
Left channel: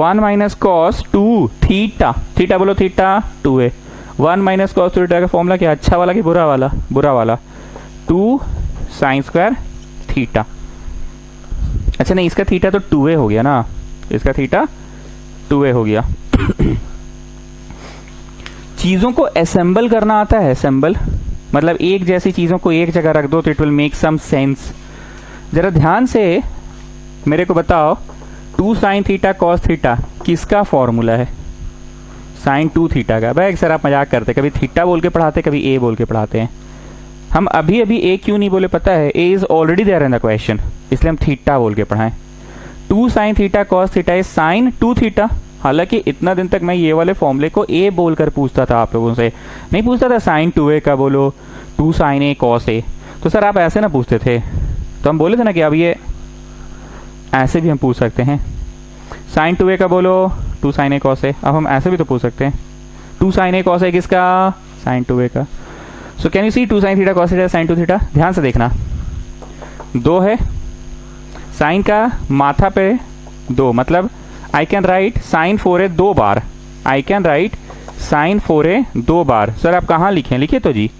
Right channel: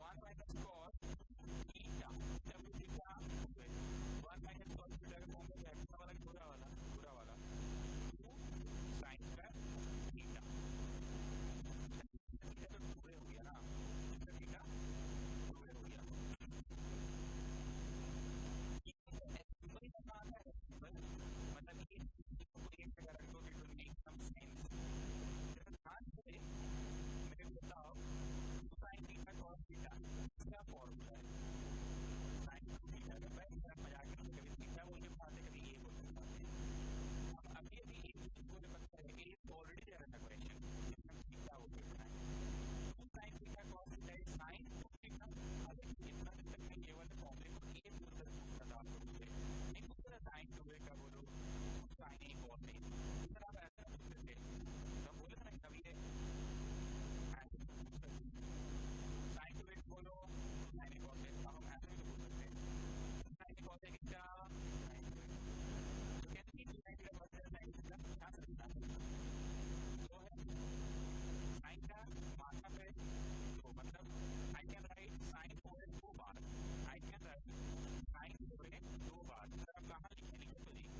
1 minus cos 2 theta, theta बोलो theta 2a, 1 minus cos 2 theta का फॉर्मूला क्या, अच्छा वाला कि बुरा वाला 2 साइन स्क्वायर थीटा। अच्छा नहीं, इसका थीटा तो 2a हो गया ना, इसका थीटा 2a हो गया। चीजों को असेंबल करना आता है, असेंबल मतलब एक जैसी चीजों को एक जगह रख दो तो it will make some sense. जरा ध्यान से मेरे को बताओ, 2 साइन थीटा कॉस थीटा किसका फॉर्मूला है? साइन 2 थीटा का। भाई सर आप मजाक करते, कभी थीटा बोल के पढ़ाते, कभी ए बोल के पढ़ाते हैं। हम अभी अभी ए क्यों नहीं बोले पता है? A is already there in the question, इसलिए हम थीटा बोल के पढ़ाएं। 2 sine theta cos theta is sine 2 theta. हालांकि इतना दिन तक मैं ये वाले फॉर्मूले को ए बोलकर पूछता था, आप लोगों से नहीं पूछता था साइन 2a का बोलो, 2 साइन ए कॉस ए। तो सर आप ऐसे ना पूछते थे, तो हम बोले थे ना कि अब ये ऐसे भी हम पूछ सकते हैं, साइन 2a का बोलो 2 साइन ए कॉस ए। अब हम ऐसे भी तो पूछ सकते हैं, 2 साइन ए कॉस ए किसका? साइन 2a का। So can you see 2 sine theta cos theta sine 2 theta. ध्यान से देखना, 2 है, साइन का माथा पे 2, मतलब I can write sine 4a 2 बार। I can write sine 4a 2 बार। सर आप कहाँ लिखे? लिखे तो जी,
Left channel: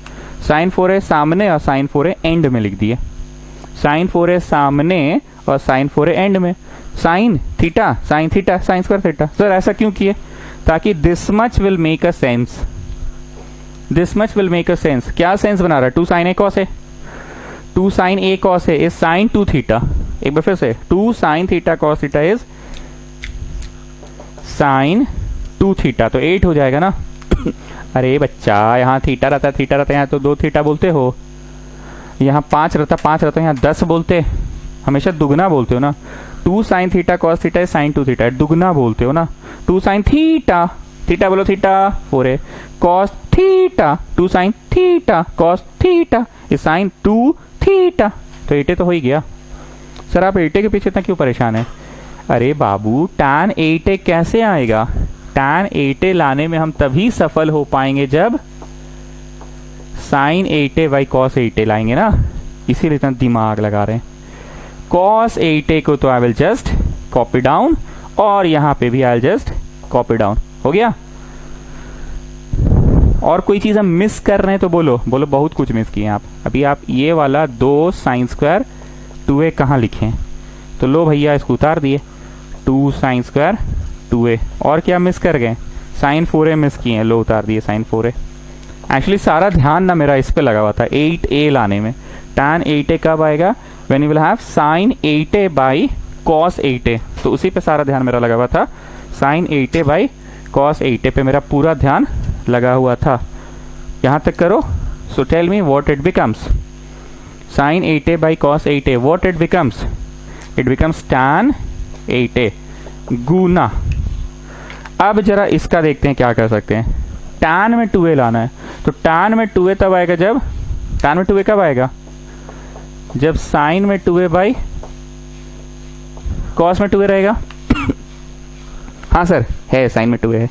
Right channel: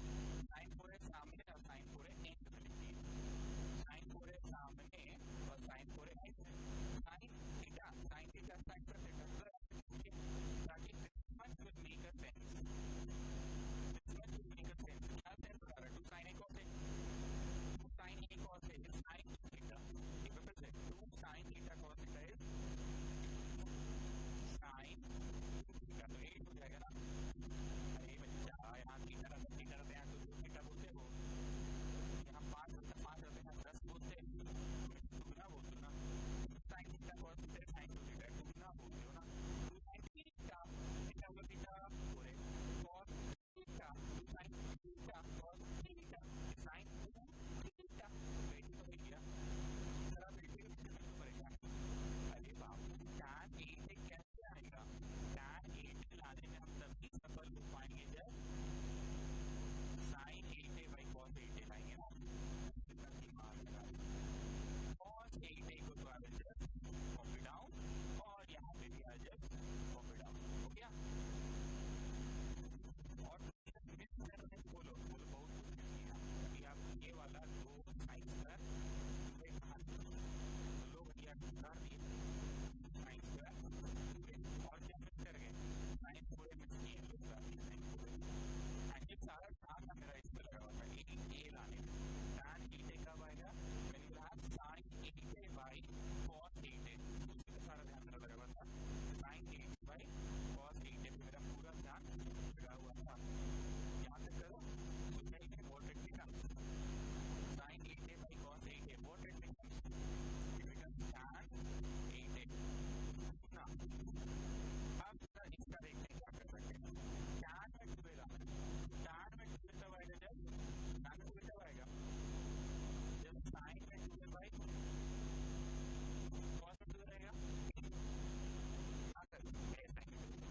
साइन 4a सामने और साइन 4a एंड में लिख दिए। साइन 4a सामने और साइन 4a एंड में। Sine theta sine square theta. Sir ऐसा क्यों किए? ताकि this much will make a sense. This much will make a sense. क्या सेंस बना रहा है? 2 sine A cos A, 2 sine A cos A is sine 2 theta. एक बार फिर से, 2 sine theta cos theta is sine 2 theta. तो 8 हो जाएगा ना। अरे बच्चा, यहाँ थीटा रहता है, थीटा रहता है, यहाँ तो 2 थीटा बोलते हो, यहाँ 5 रहता, 5 रहता है, यहाँ 10 बोलते, हमेशा दुगना बोलते हो ना। 2 sine theta cos theta sine 2 theta, दुगना बोलते हो ना। 2 साइन थीटा, थीटा बोलो theta 4a, cos theta 2 sine theta cos theta is sine 2 theta. तो 8a तो हो ही गया। सर आप 8a के पीछे इतना क्यों परेशान है? अरे बाबू, tan 8a कैसे आएगा? tan 8a लाने में हम तभी सफल हो पाएंगे जब sign 8a by cos 8a लाएंगे ना, इसीलिए इतना दिमाग लगा रहे हैं। cos 8a को तो I will just copy down, और यहां पे भी I will just copy down. हो गया? और कोई चीज हम मिस कर रहे हैं तो बोलो। बोलो बहुत कुछ मिस किए आप। अभी आप ये वाला 2 साइन स्क्वायर 2a कहाँ लिखे? तो लो भैया इसको उतार दिए, 2 साइन स्क्वायर 2a। और क्या मिस कर गए? साइन 4a मिस किए हैं, लो उतार दिए साइन 4a। एक्चुअली सारा ध्यान ना मेरा इस पे लगा हुआ था 8a लाने में। tan 8a कब आएगा? When you will have sine 8a by cos 8a। तो उसी पे सारा ध्यान मेरा लगा हुआ था, sign 8a by cos 8a पे मेरा पूरा ध्यान लगा हुआ था। यहां तक करो। So tell me what it becomes. Sine 8a by cos 8a, what it becomes? It becomes tan 8a गुना। अब जरा इसका देखते हैं क्या कर सकते हैं। tan में 2a लाना है, तो tan में 2a तब आएगा जब, tan में 2a कब आएगा? जब साइन में 2a बाई कॉस में 2a रहेगा। हाँ सर है, साइन में 2a है,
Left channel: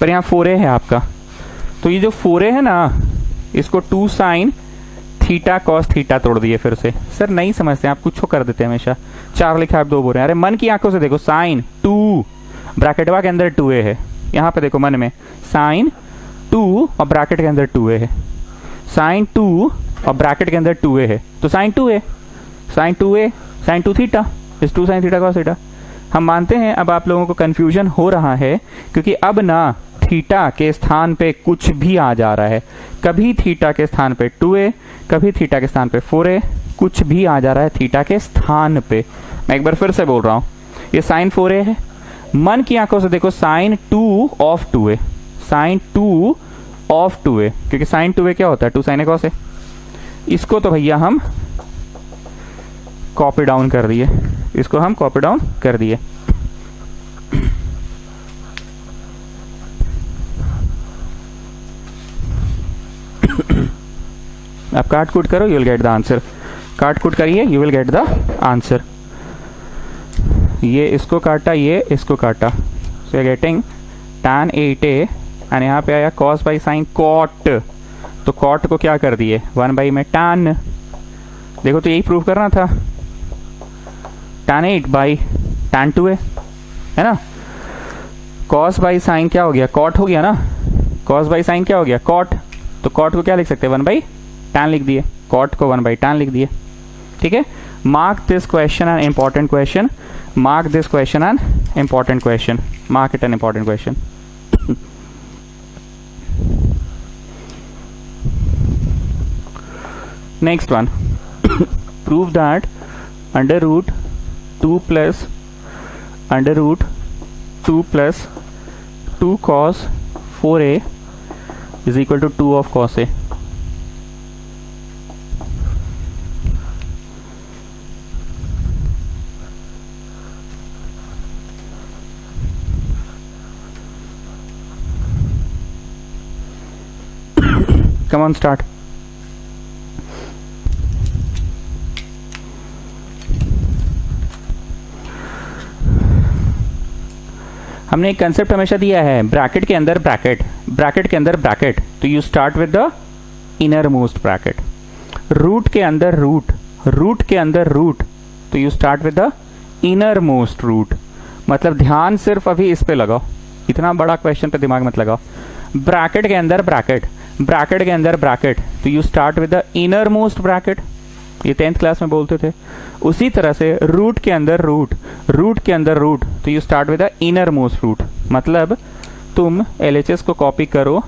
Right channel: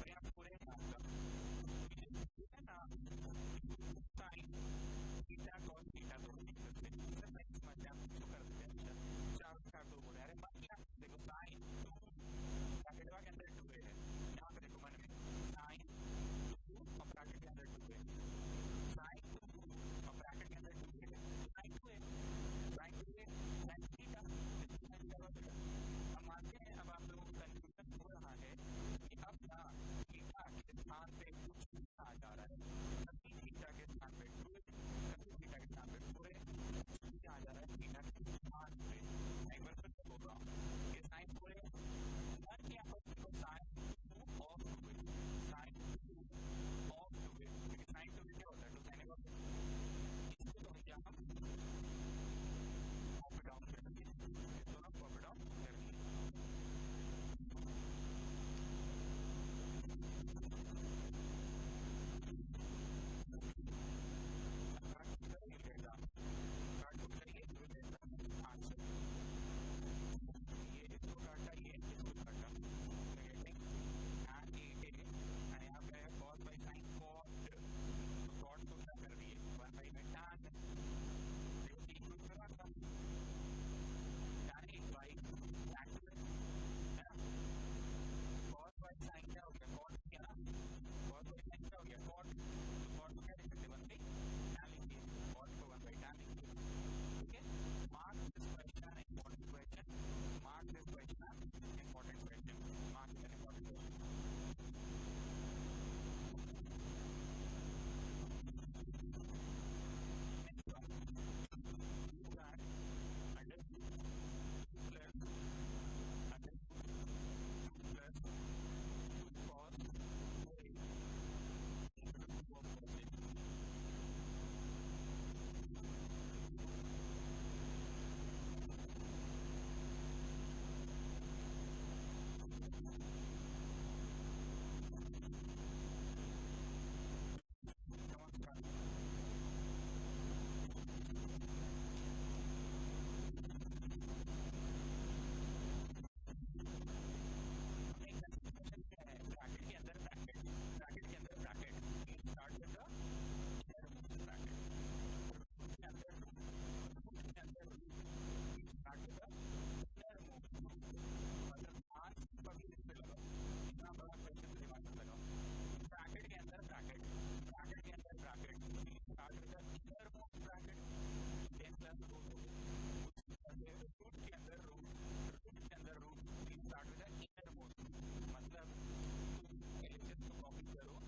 पर यहाँ 4a है आपका। तो ये जो 4a है ना, इसको 2 साइन थीटा कॉस थीटा तोड़ दिए फिर से। सर नहीं समझते आप, कुछ कर देते हैं हमेशा। 4 लिखा आप 2 बोल रहे हैं। अरे मन की आंखों से देखो, साइन 2 ब्रैकेटवा के अंदर 2a है, यहाँ पे देखो मन में साइन 2 और ब्रैकेट के अंदर 2a है, साइन 2 और ब्रैकेट के अंदर 2a है, तो sine 2a, sine 2a sine 2 theta is 2 sine theta cos theta. हम मानते हैं अब आप लोगों को कंफ्यूजन हो रहा है, क्योंकि अब ना थीटा के स्थान पे कुछ भी आ जा रहा है। कभी थीटा के स्थान पे 2a, कभी थीटा के स्थान पे 4a, कुछ भी आ जा रहा है थीटा के स्थान पे। मैं एक बार फिर से बोल रहा हूं, ये साइन 4a है, मन की आंखों से देखो sign 2 of 2a, sine 2 of 2a, क्योंकि साइन 2a क्या होता है? 2 साइन ए कॉस ए। इसको तो भैया हम कॉपी डाउन कर दिए, इसको हम कॉपी डाउन कर दिए। आप काट कूट करो, you will get the answer. काट कूट करिए, you will get the answer. ये इसको काटा, ये इसको काटा, so getting tan 8a, and यहाँ पे आया cos बाई साइन कॉट, तो कॉट को क्या कर दिए 1 बाई में tan। देखो तो यही प्रूव करना था, tan 8 बाई tan 2a है ना। cos बाई साइन क्या हो गया? कॉट हो गया ना। cos बाई साइन क्या हो गया? कॉट। तो कॉट को क्या लिख सकते हैं? 1 बाई tan लिख दिए, कॉट को 1 बाई tan लिख दिए। ठीक है, mark this question an important question, mark this question an important question, mark it an important question. Next one, prove that under root 2 plus under root 2 plus 2 cos 4a is equal to 2 of cos a. Come on, start. हमने एक concept हमेशा दिया है, bracket के अंदर bracket, bracket के अंदर bracket, तो you start with the innermost bracket. Root के अंदर रूट, रूट के अंदर रूट, तो you start with the innermost root. मतलब ध्यान सिर्फ अभी इस पे लगाओ, इतना बड़ा क्वेश्चन पे दिमाग मत लगाओ. ब्रैकेट के अंदर ब्रैकेट, ब्रैकेट के अंदर ब्रैकेट, तो you start with the innermost bracket. ये 10th क्लास में बोलते थे. उसी तरह से रूट के अंदर रूट, रूट के अंदर रूट, तो you start with the innermost root. मतलब तुम LHS को कॉपी करो,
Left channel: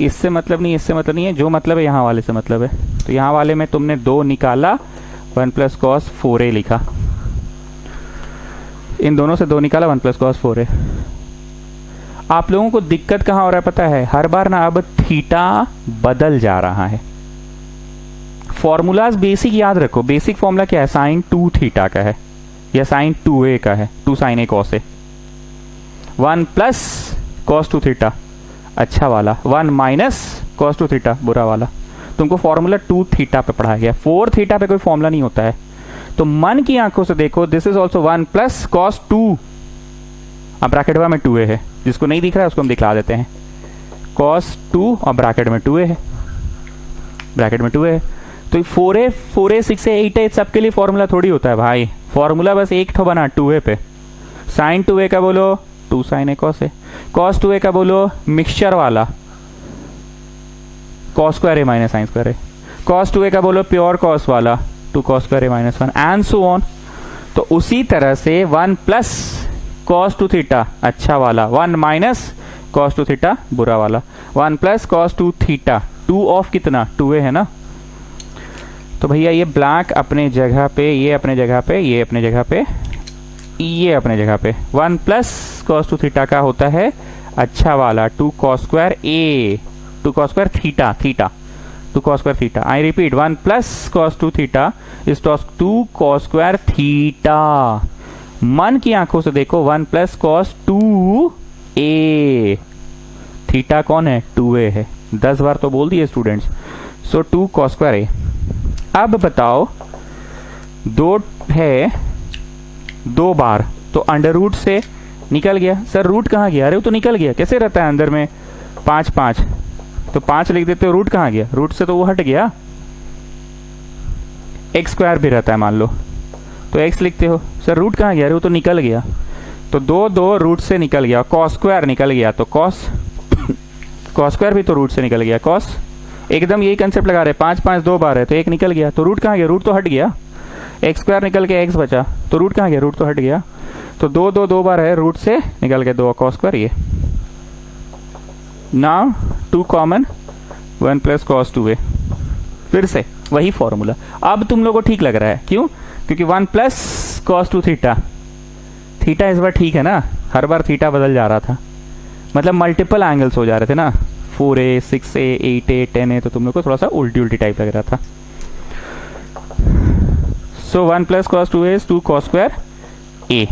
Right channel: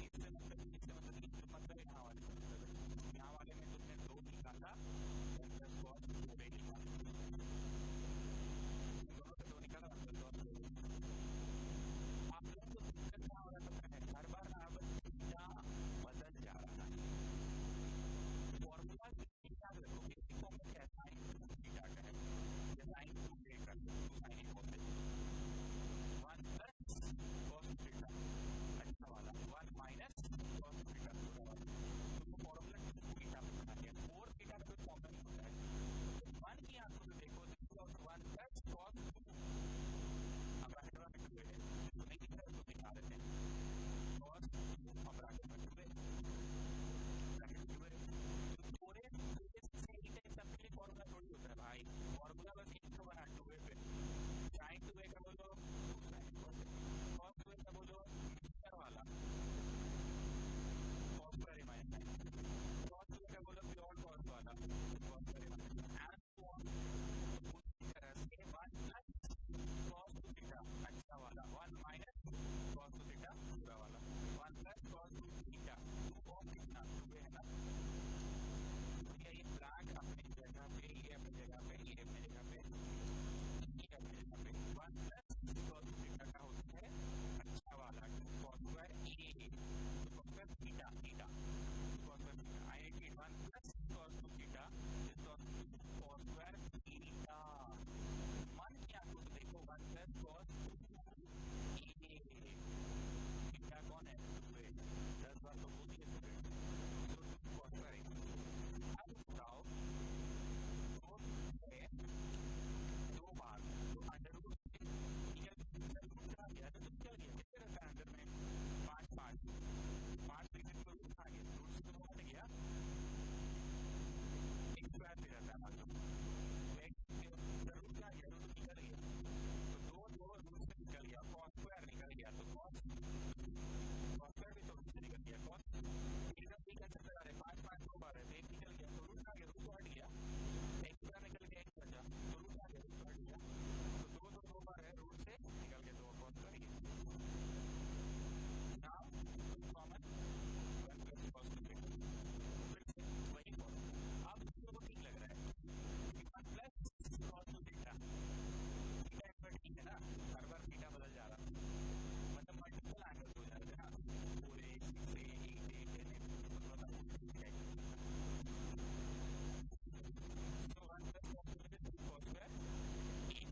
इससे मतलब नहीं, इससे मतलब नहीं है, जो मतलब है यहाँ वाले से मतलब है. तो यहाँ वाले में तुमने 2 निकाला, 1 प्लस कॉस 4a लिखा. इन दोनों से 2 निकाला, 1 प्लस कॉस 4a. आप लोगों को दिक्कत कहाँ हो रहा है पता है? हर बार ना अब थीटा बदल जा रहा है. फॉर्मूलाज बेसिक याद रखो. बेसिक फॉर्मूला क्या है? साइन 2 थीटा का है या साइन 2a का है, 2 sine a cos a. 1 plus cos 2 theta अच्छा वाला, 1 माइनस कॉस 2 थीटा बुरा वाला. तुमको फॉर्मूला 2 थीटा पे पढ़ाया गया, 4 थीटा पे कोई फॉर्मूला नहीं होता है. तो मन की आंखों से देखो, this is also 1 plus cos 2. अब ब्रैकेट में 2a है, जिसको नहीं दिख रहा है उसको हम दिखला देते हैं. कॉस 2 और ब्रैकेट में 2a है, ब्रैकेट में 2a है. तो 4a 6a 8a सबके लिए फॉर्मूला थोड़ी होता है भाई. फॉर्मूला बस एक ठो बना 2a पे. साइन 2a का बोलो 2 sine a cos a. Cos 2a का बोलो मिक्सचर वाला cos square a minus sine square a. Cos 2a का बोलो प्योर कॉस वाला 2 cos square a minus 1 and so on. तो उसी तरह से 1 प्लस कॉस 2 थीटा अच्छा वाला, 1 माइनस कॉस 2 थीटा बुरा वाला, 1 प्लस कॉस 2 थीटा, 2 ऑफ कितना 2a है ना. तो भैया ये ब्लैक अपने जगह पे, ये अपने जगह पे, ये अपने जगह पे, ये अपने जगह पे. 1 प्लस कॉस 2 थीटा का होता है अच्छा वाला 2 cos square a, 2 cos square theta, theta 2 cos square theta. I repeat, 1 plus cos 2 theta is 2 cos square theta. मन की आंखों से देखो, 1 प्लस कॉस 2a, थीटा कौन है? 2a है. 10 बार तो बोल दिए students. So 2 cos square a. अब बताओ 2 है 2 बार, तो अंडर रूट से निकल गया. सर रूट कहाँ गया? अरे वो तो निकल गया. कैसे रहता है अंदर में? 5 5, तो 5 लिख देते हो. रूट कहाँ गया? रूट से तो वो हट गया. एक्स स्क्वायर भी रहता है मान लो, तो x लिखते हो. सर रूट कहाँ गया? अरे वो तो निकल गया. तो 2 रूट से निकल गया. कॉस स्क्वायर निकल गया, तो कॉस कॉस स्क्वायर भी तो रूट से निकल गया. कॉस एकदम यही कंसेप्ट लगा रहे. 5 5 2 बार है, तो 1 निकल गया. तो रूट कहाँ गया? रूट तो हट गया. एक्स स्क्वायर निकल के x बचा, तो रूट कहाँ गया? रूट तो हट गया. तो 2 बार है, रूट से निकल के 2 कॉस स्क्वायर. ये now 2 common, 1 plus cos 2a. फिर से वही फॉर्मूला. अब तुम लोगों को ठीक लग रहा है. क्यों? क्योंकि 1 प्लस कॉस 2 थीटा, थीटा इस बार ठीक है ना. हर बार थीटा बदल जा रहा था, मतलब मल्टीपल एंगल्स हो जा रहे थे ना. 4a 6a 8a 10a, तो तुम लोग को थोड़ा सा उल्टी उल्टी टाइप लग रहा था. So 1 plus cos 2a is 2 cos square a.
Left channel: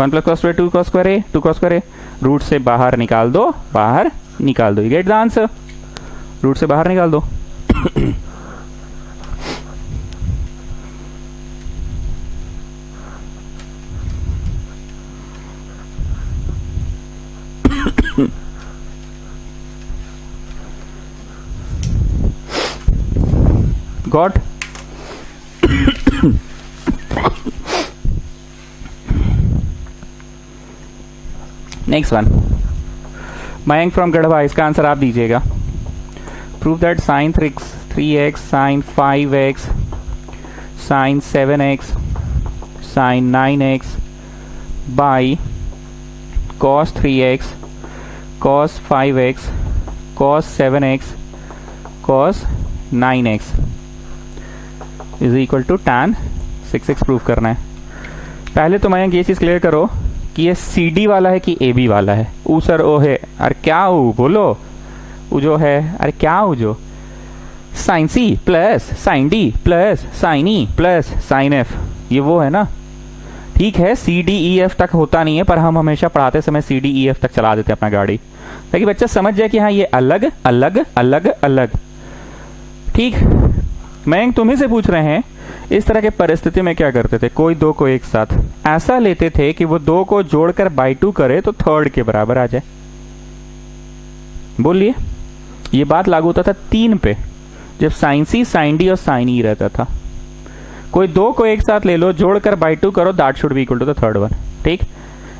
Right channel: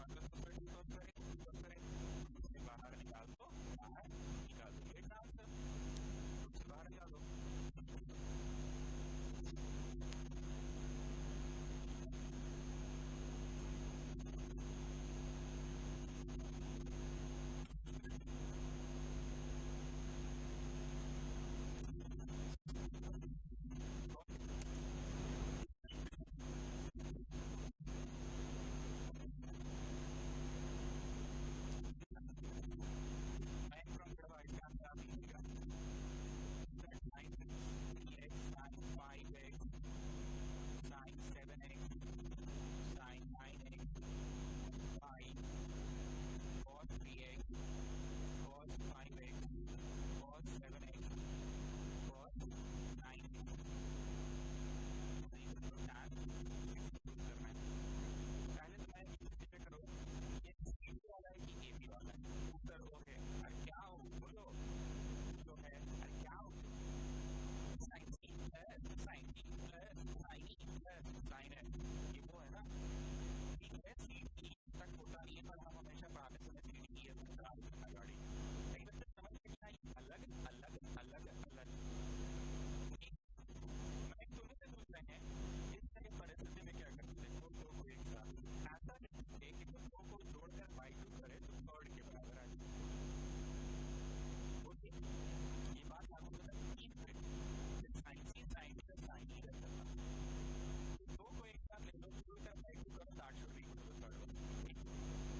1 plus cos square 2 cos square a, 2 cos square a. Root से बाहर निकाल दो, बाहर निकाल दो. You get the answer. Root से बाहर निकाल दो. Got? Next one, Mayank from Garhwa. इसका आंसर आप दीजिएगा. Prove that sine 3x, sine 5x, sine 7x, sine 9x by cos 3x, cos 5x, cos 7x, cos 9x is equal to tan 6x prove करना है। पहले तो मैं ये चीज़ क्लियर करो कि ये CD वाला है कि AB वाला है। ऊ सर ओ है, अरे क्या ऊ बोलो, ऊ जो है, अरे क्या ऊ जो sine C plus sine D plus sine E plus sine F, ये वो है ना। ठीक है, CDEF तक होता नहीं है, पर हम हमेशा पढ़ाते समय CDEF तक चला देते हैं अपना गाड़ी, ताकि बच्चा समझ जाए कि हाँ ये अलग अलग अलग अलग। ठीक, मैं तुम्ही से पूछ रहे हैं, इस तरह के परिस्थिति में क्या करते थे? कोई दो को एक साथ ऐसा लेते थे कि वो दो को जोड़कर बाई 2 करे तो थर्ड के बराबर आ जाए। बोलिए, ये बात लागू होता था 3 पे, जब साइन C साइन D और साइन E रहता था। कोई दो को एक साथ ले लो, जोड़कर बाई 2 करो, that should be equal to the third one. ठीक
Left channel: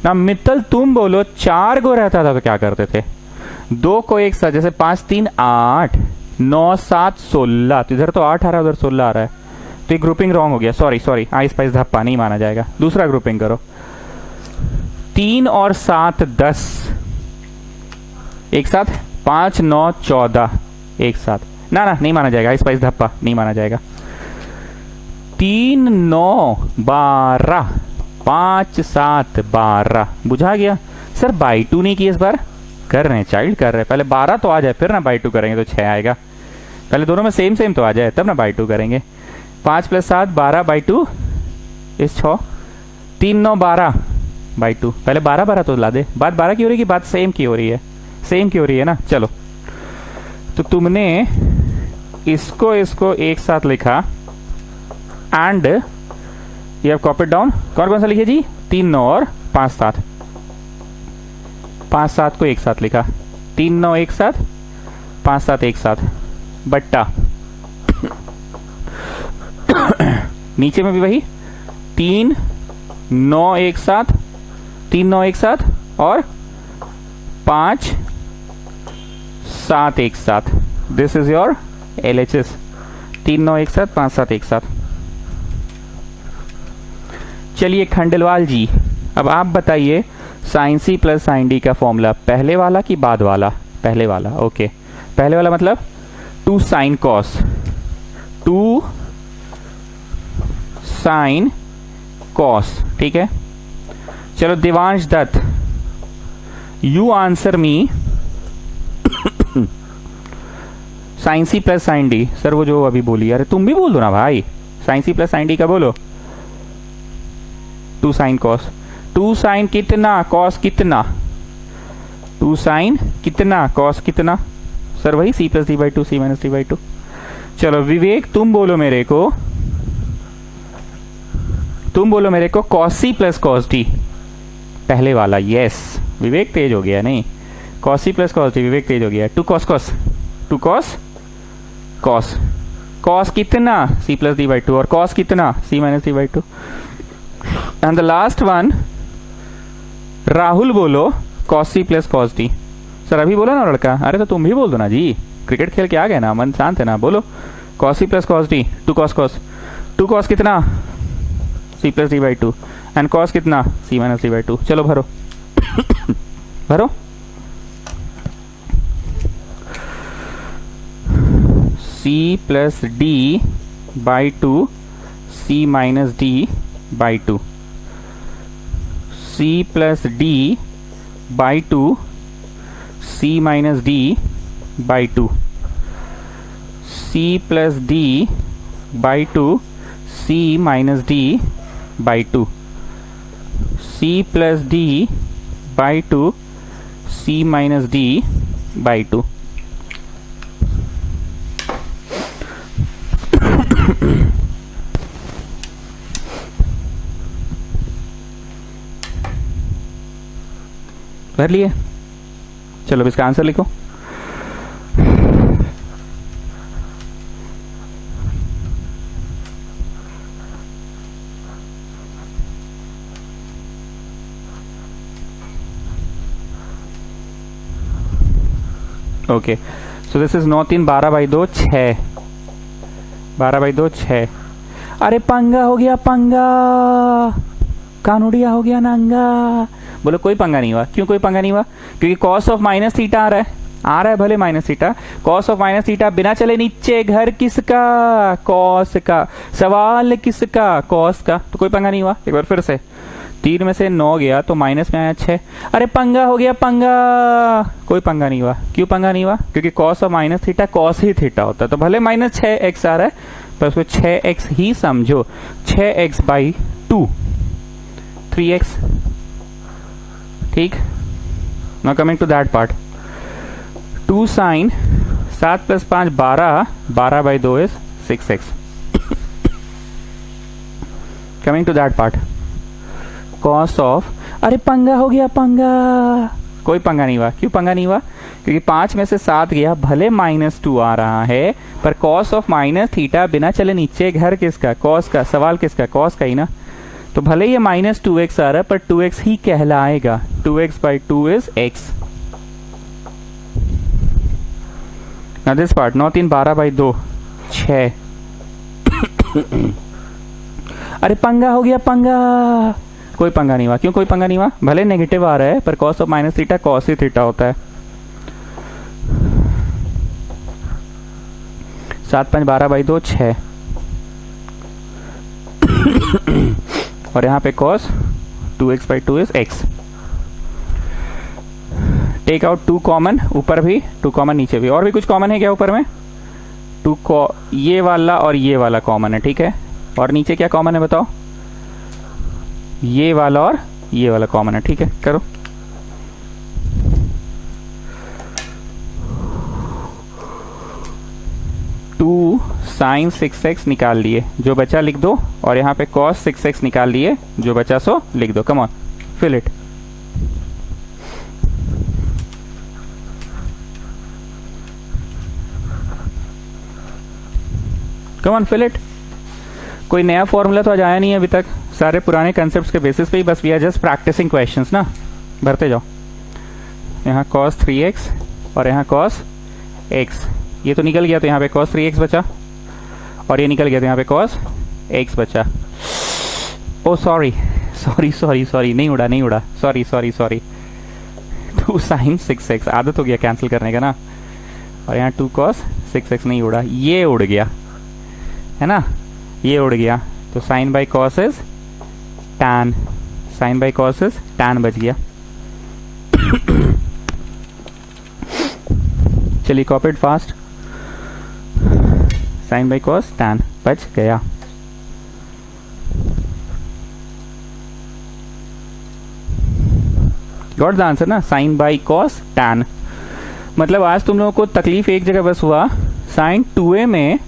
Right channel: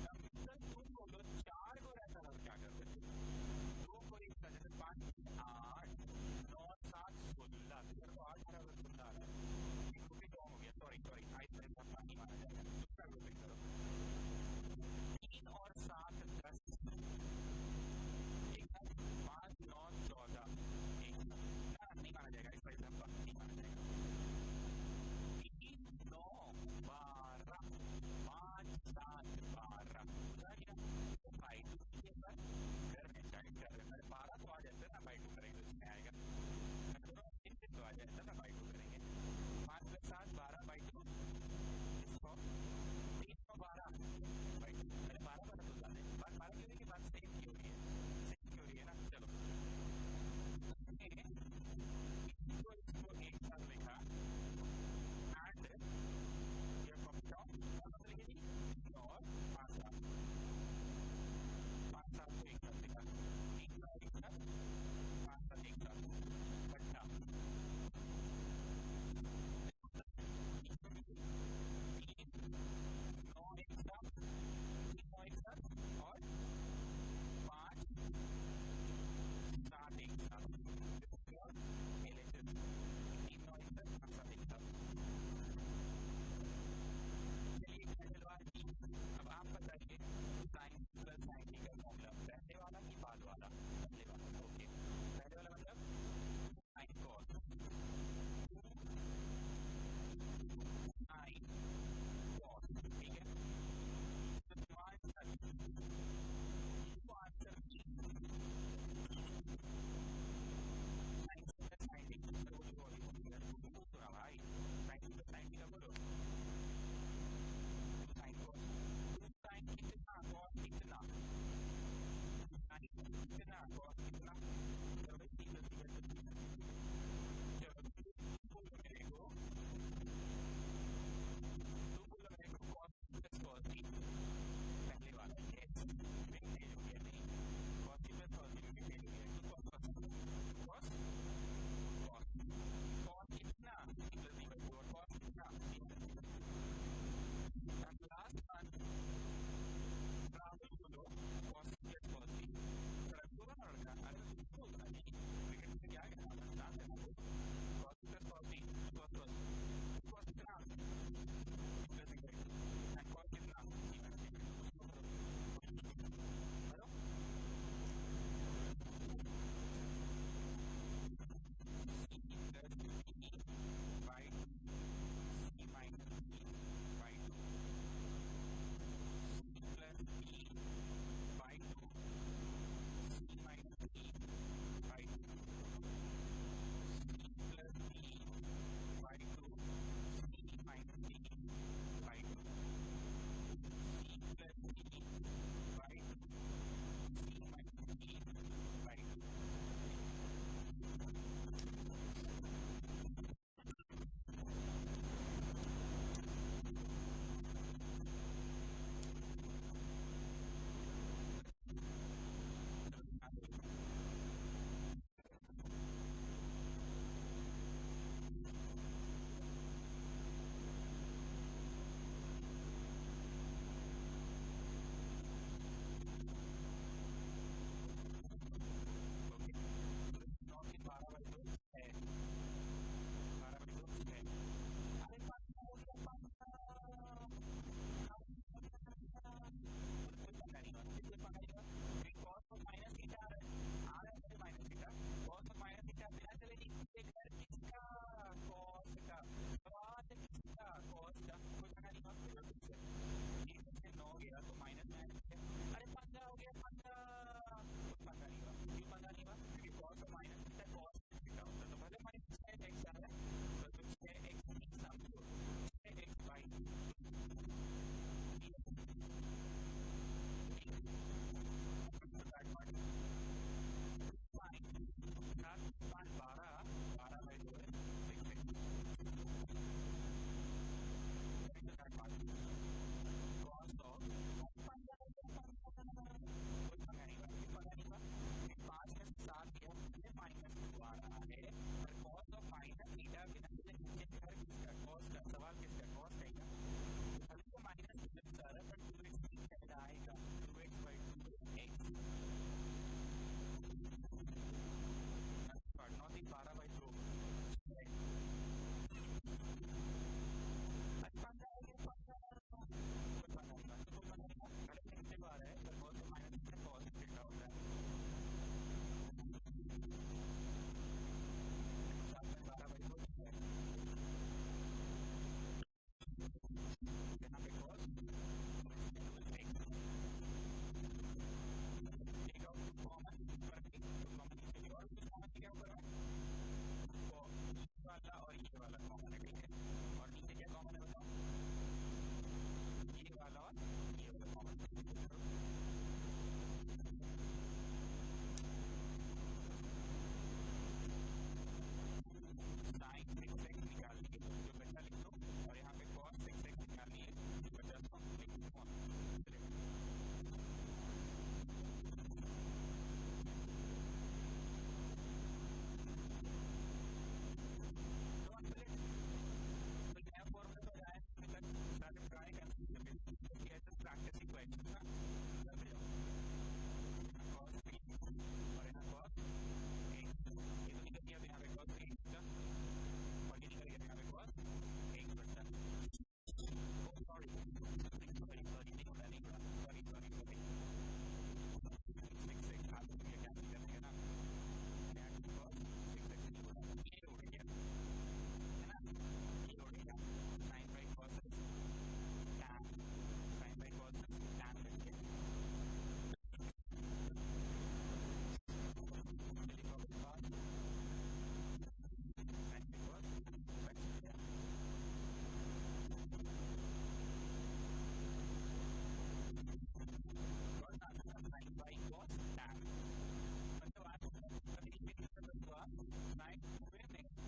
ना मित्तल, तुम बोलो 4 को रहता था तो क्या करते थे? दो को एक साथ, जैसे 5 3 8 9 7 16, तो इधर तो 8 आ रहा है, उधर 16 आ रहा है, तो ये ग्रुपिंग रॉन्ग हो गया। सॉरी, आइस पाइस धप्पा नहीं माना जाएगा। दूसरा ग्रुपिंग करो, 3 और 7 10 एक साथ, 5 9 14 एक साथ, ना नहीं माना जाएगा, आइस पाइस धप्पा नहीं माना जाएगा। 3 9 12 5 7 12, बुझा गया? सर बाई 2 नहीं की इस बार, कर रहे हैं चाइल्ड, कर रहे हैं। पहले 12 तो आ जाए, फिर ना बाई 2 करेंगे तो 6 आएगा। पहले दोनों में सेम तो आ जाए, तब ना बाई 2 करेंगे। 5 + 7 12 बाई 2 इस 6, 3 9 12 बाई 2। पहले 12 12 तो ला दे। बात 12 की हो रही है कि बात सेम की हो रही है? सेम की हो रही है ना। चलो, तो तुमने इसको एक साथ लिखा and you have copied down. कौन कौन सा लिखे जी? 3 9 और 5 7। 5 7 को एक साथ लिखा, 3 9 एक साथ, 5 7 एक साथ, बट्टा नीचे में भी वही 3 9 एक साथ, 3 9 एक साथ और 5 7 एक साथ। This is your LHS। 3 9 एक साथ, 5 7 एक साथ। चलिए खंडेलवाल जी, अब आप बताइए sine C plus sine D का फॉर्मूला पहले वाला कि बाद वाला? पहले वाला। ओके, पहले वाला मतलब 2 साइन कॉस, 2 साइन कॉस। ठीक है, चलो Devansh Dutt, you answer me sine C plus sine D। Sir वो जो अभी बोली, अरे तुम भी बोल दो ना भाई, sine C plus sine D का बोलो। 2 साइन कॉस, 2 साइन कितना कॉस कितना, 2 साइन कितना कॉस कितना? सर वही C plus D/2 C minus D/2। चलो विवेक, तुम बोलो मेरे को cos C plus cos D, पहले वाला। यस, विवेक तेज हो गया। नहीं, cos C plus cos D, Vivek तेज हो गया। 2 cos cos, 2 cos cos, cos कितना C प्लस D/2 और कॉस कितना C minus D/2। And the last one, Rahul बोलो cos C plus cos D। Sir अभी बोला ना लड़का, अरे तो तुम भी बोल दो ना जी, क्रिकेट खेल के आ गए ना, मन शांत है ना। बोलो cos C plus cos D, 2 cos cos, 2 cos कितना C plus D/2 and cos कितना C माइनस D/2। चलो भरो भरो। C plus D/2 C minus D/2, C plus D/2 C minus D/2, C plus D/2 C minus D/2, C plus D/2 C minus D/2। कर लिए? चलो इसका answer लिखो। Okay, so this is 9 3 12/2 6, 12/2 6। अरे पंगा हो गया, पंगा, कानूड़िया हो गया नंगा। बोलो कोई पंगा नहीं हुआ। क्यों कोई पंगा नहीं हुआ? क्योंकि कॉस ऑफ माइनस थीटा आ रहा है, आ रहा है भले minus theta, cos of minus theta बिना चले नीचे, घर किसका, कॉस का, सवाल किसका, कॉस का, तो कोई पंगा नहीं हुआ। एक बार फिर से 3 में से 9 गया तो माइनस में आया 6, अरे पंगा हो गया पंगा, कोई पंगा नहीं हुआ। क्यों पंगा नहीं हुआ, क्योंकि cos of minus theta cos ही थीटा होता है, तो भले माइनस 6x आ रहा है पर उसको 6x ही समझो, 6x/2 3x, ठीक। Now coming to that part, 2 sine 7 + 5 12, 12/2 is 6x। Coming to that part, cos of, अरे पंगा हो गया पंगा, कोई पंगा नहीं हुआ। क्यों पंगा नहीं हुआ, क्योंकि 5 में से 7 गया, भले -2 आ रहा है पर कॉस ऑफ माइनस थीटा बिना चले नीचे, घर किसका, कॉस का, सवाल किसका, कॉस का ही ना, तो भले ये -2x आ रहा है पर 2x ही कहलाएगा, 2x/2 is x। Now this part, 9 3 12/2 6। अरे पंगा हो गया पंगा, कोई पंगा नहीं हुआ। क्यों कोई पंगा नहीं हुआ, भले नेगेटिव आ रहा है पर cos of minus theta cos ही थीटा होता है। 7 5 12/2 6 और यहाँ पे cos 2x/2 is x। Take out 2 common, ऊपर भी 2 कॉमन, नीचे भी। और भी कुछ कॉमन है क्या ऊपर में, 2 ये वाला और ये वाला कॉमन है, ठीक है। और नीचे क्या कॉमन है बताओ, ये वाला और ये वाला कॉमन है, ठीक है। करो, टू साइन 6x निकाल लिए, जो बचा लिख दो, और यहाँ पे cos 6x निकाल लिए, जो बचा सो लिख दो। Come on fill it, come on fill it. कोई नया फॉर्मूला तो आज आया नहीं है अभी तक, सारे पुराने कंसेप्ट्स के बेसिस पे ही बस we are just practising questions ना, भरते जाओ। यहाँ cos 3x और यहाँ cos x, ये तो निकल गया तो यहाँ पे cos 3x बचा, और ये निकल गया तो यहाँ पे cos x बचा। ओ सॉरी सॉरी सॉरी सॉरी, नहीं उड़ा नहीं उड़ा, sorry sorry sorry. 2 sin 6x, आदत हो गया कैंसिल करने का ना, और यहाँ 2 cos 6x नहीं उड़ा, ये उड़ गया है ना, ये उड़ गया, तो sine by cos is tan, sine by cos is tan बच गया। चलिए copy it fast, sine by cos tan बच गया। गॉट द आंसर ना, साइन बाई कॉस tan। मतलब आज तुम लोगों को तकलीफ एक जगह बस हुआ, साइन 2a में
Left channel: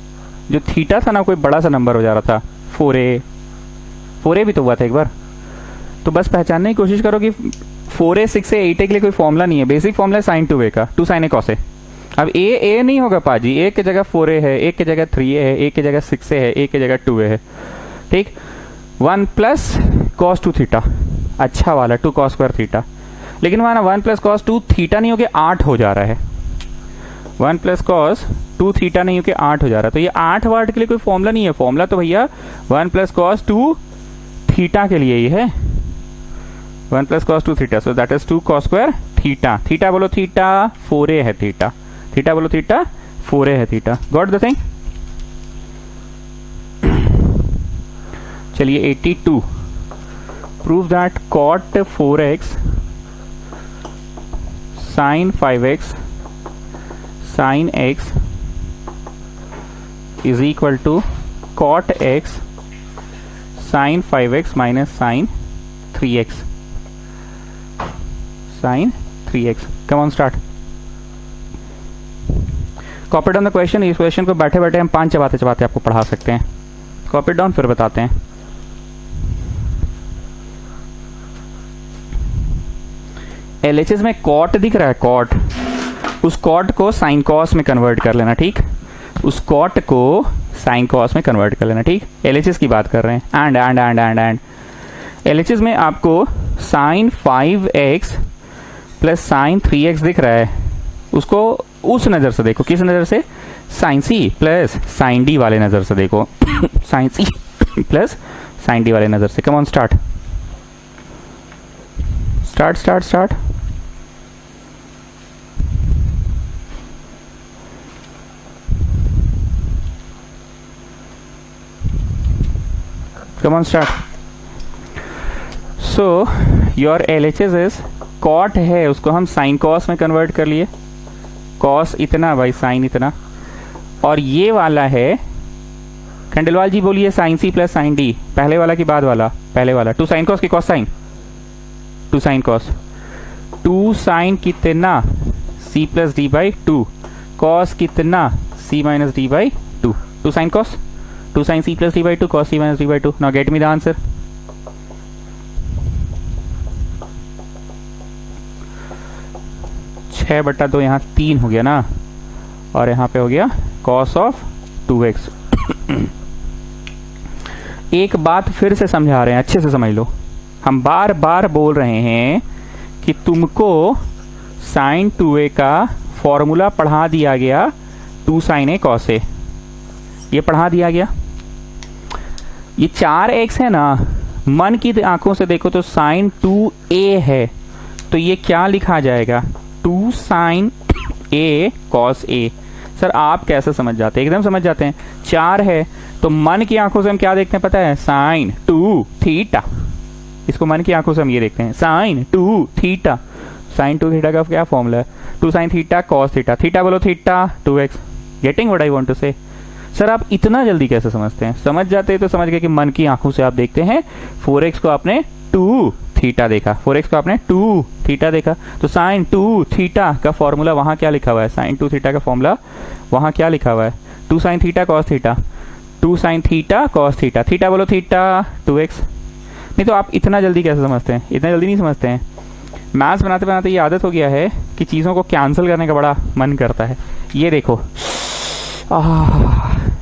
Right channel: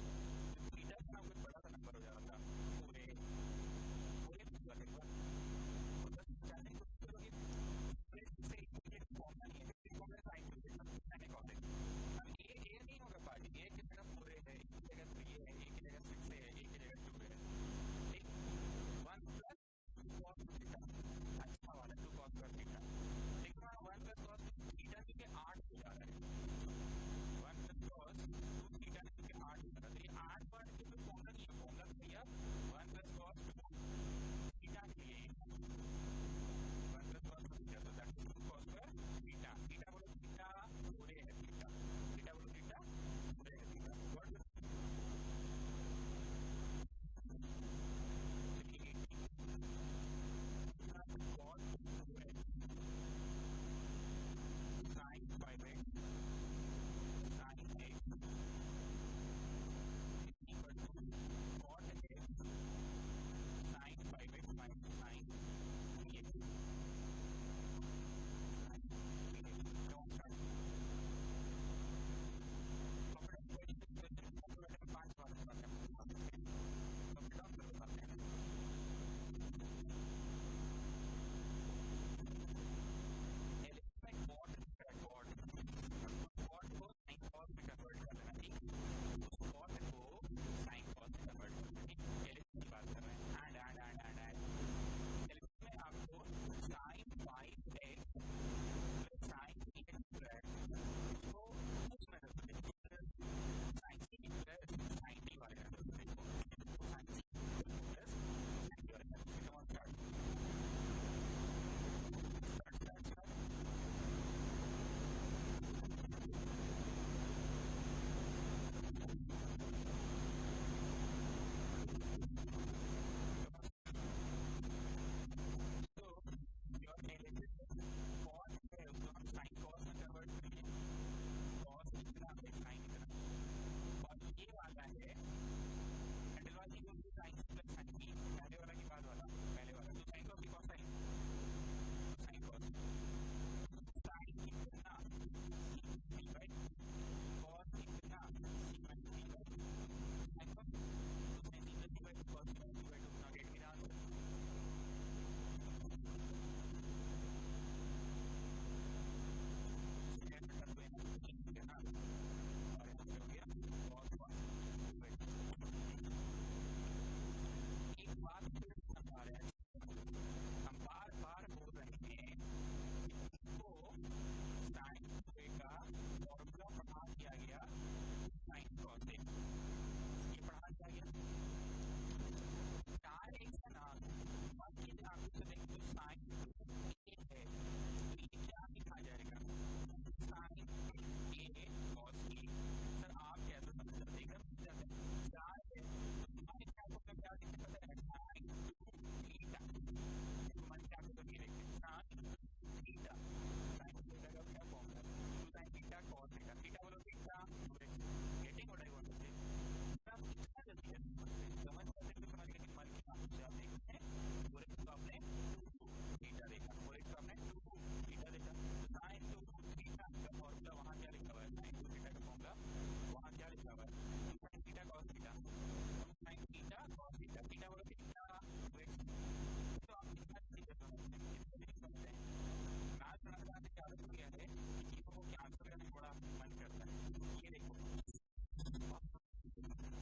जो थीटा था ना कोई बड़ा सा नंबर हो जा रहा था, 4a भी तो हुआ था एक बार, तो बस पहचानने की कोशिश करो कि 4a 6a 8a के लिए कोई फॉर्मूला नहीं है, बेसिक फॉर्मूला है साइन 2a का, 2 sin a cos a। अब a नहीं होगा पाजी, एक की जगह 4a है, एक की जगह 3a है, एक की जगह 6a है, एक की जगह 2a है, ठीक। 1 + cos 2 थीटा, अच्छा वाला 2 cos स्क्वायर थीटा, लेकिन वहां ना 1 + cos 2 थीटा नहीं हो के 8 हो जा रहा है, 1 + cos 2 थीटा नहीं हो के 8 हो जा रहा है, तो ये 8 वाट के लिए कोई फॉर्मूला नहीं है, फॉर्मूला तो भैया 1 + cos 2 थीटा के लिए ही है, 1 + cos 2 theta, so that is 2 cos square theta. Theta बोलो थीटा, 4a है थीटा, थीटा बोलो थीटा, 4a है थीटा। Got the thing. चलिए 82, prove that cot 4x sin 5x sin x is equal to cot x sin 5x minus sin 3x sin 3x। come on start, copy down the question। इस question को बैठे बैठे हम 5 चबाते चबाते आपको पढ़ा सकते हैं, कॉपी डाउन फिर बताते हैं। LHS में कॉट दिख रहा है, कॉट, उस कॉट को साइन कॉस में कन्वर्ट कर लेना, ठीक, उस कॉट को साइन कॉस में कन्वर्ट कर लेना, ठीक। LHS की बात कर रहे हैं, एंड LHS में आपको sign 5x plus sign 3x दिख रहा है, उसको उस नजर से देखो, किस नजर से, sine C plus sine D वाले नजर से देखो, sine C plus sine D वाले नजर से। Come on start start start start. Come on start. So your LHS is cot है, उसको हम साइन कॉस में कन्वर्ट कर लिए. कॉस इतना भाई, साइन इतना. और ये वाला है, खंडेलवाल जी बोलिए, sine C plus sine D. पहले वाला की बाद वाला? पहले वाला. 2 साइन कॉस की cos sine, 2 sine cos. 2 sine कितना? C plus D by 2. Cos कितना? C minus D by 2. 2 sine cos, 2 sine C plus D by 2 cos C minus D by 2. Now get me the answer. छः बटा 2 यहाँ 3 हो गया ना, और यहाँ पे हो गया कॉस ऑफ 2x. एक बात फिर से समझा रहे हैं, अच्छे से समझ लो. हम बार बार बोल रहे हैं कि तुमको साइन 2a का फॉर्मूला पढ़ा दिया गया, 2 साइन ए कॉस ए, ये पढ़ा दिया गया. ये 4x है ना, मन की आंखों से देखो तो साइन 2a है, तो ये क्या लिखा जाएगा? 2 sine a cos a. Sir आप कैसे समझ जाते हैं? एकदम समझ जाते हैं. 4 है तो मन की आंखों से हम क्या देखते हैं पता है? Sine 2 theta. इसको मन की आंखों से हम ये देखते हैं, साइन 2 थीटा. साइन 2 थीटा का क्या फॉर्मूला है? 2 sine theta cos theta. Theta बोलो theta 2x. Getting what I want to say? Sir आप इतना जल्दी कैसे समझते हैं? समझ जाते हैं तो समझ गए कि मन की आंखों से आप देखते हैं. 4x को आपने 2 थीटा देखा, 4x को आपने 2 थीटा देखा, तो साइन 2 थीटा का फॉर्मूला वहां क्या लिखा हुआ है? साइन 2 थीटा का फॉर्मूला वहां क्या लिखा हुआ है? 2 sine theta cos theta. 2 sine theta cos theta. Theta बोलो थीटा 2x. नहीं तो आप इतना जल्दी कैसे समझते हैं? इतना जल्दी नहीं समझते हैं. मैथ्स बनाते बनाते ये आदत हो गया है कि चीज़ों को कैंसिल करने का बड़ा मन करता है. ये देखो,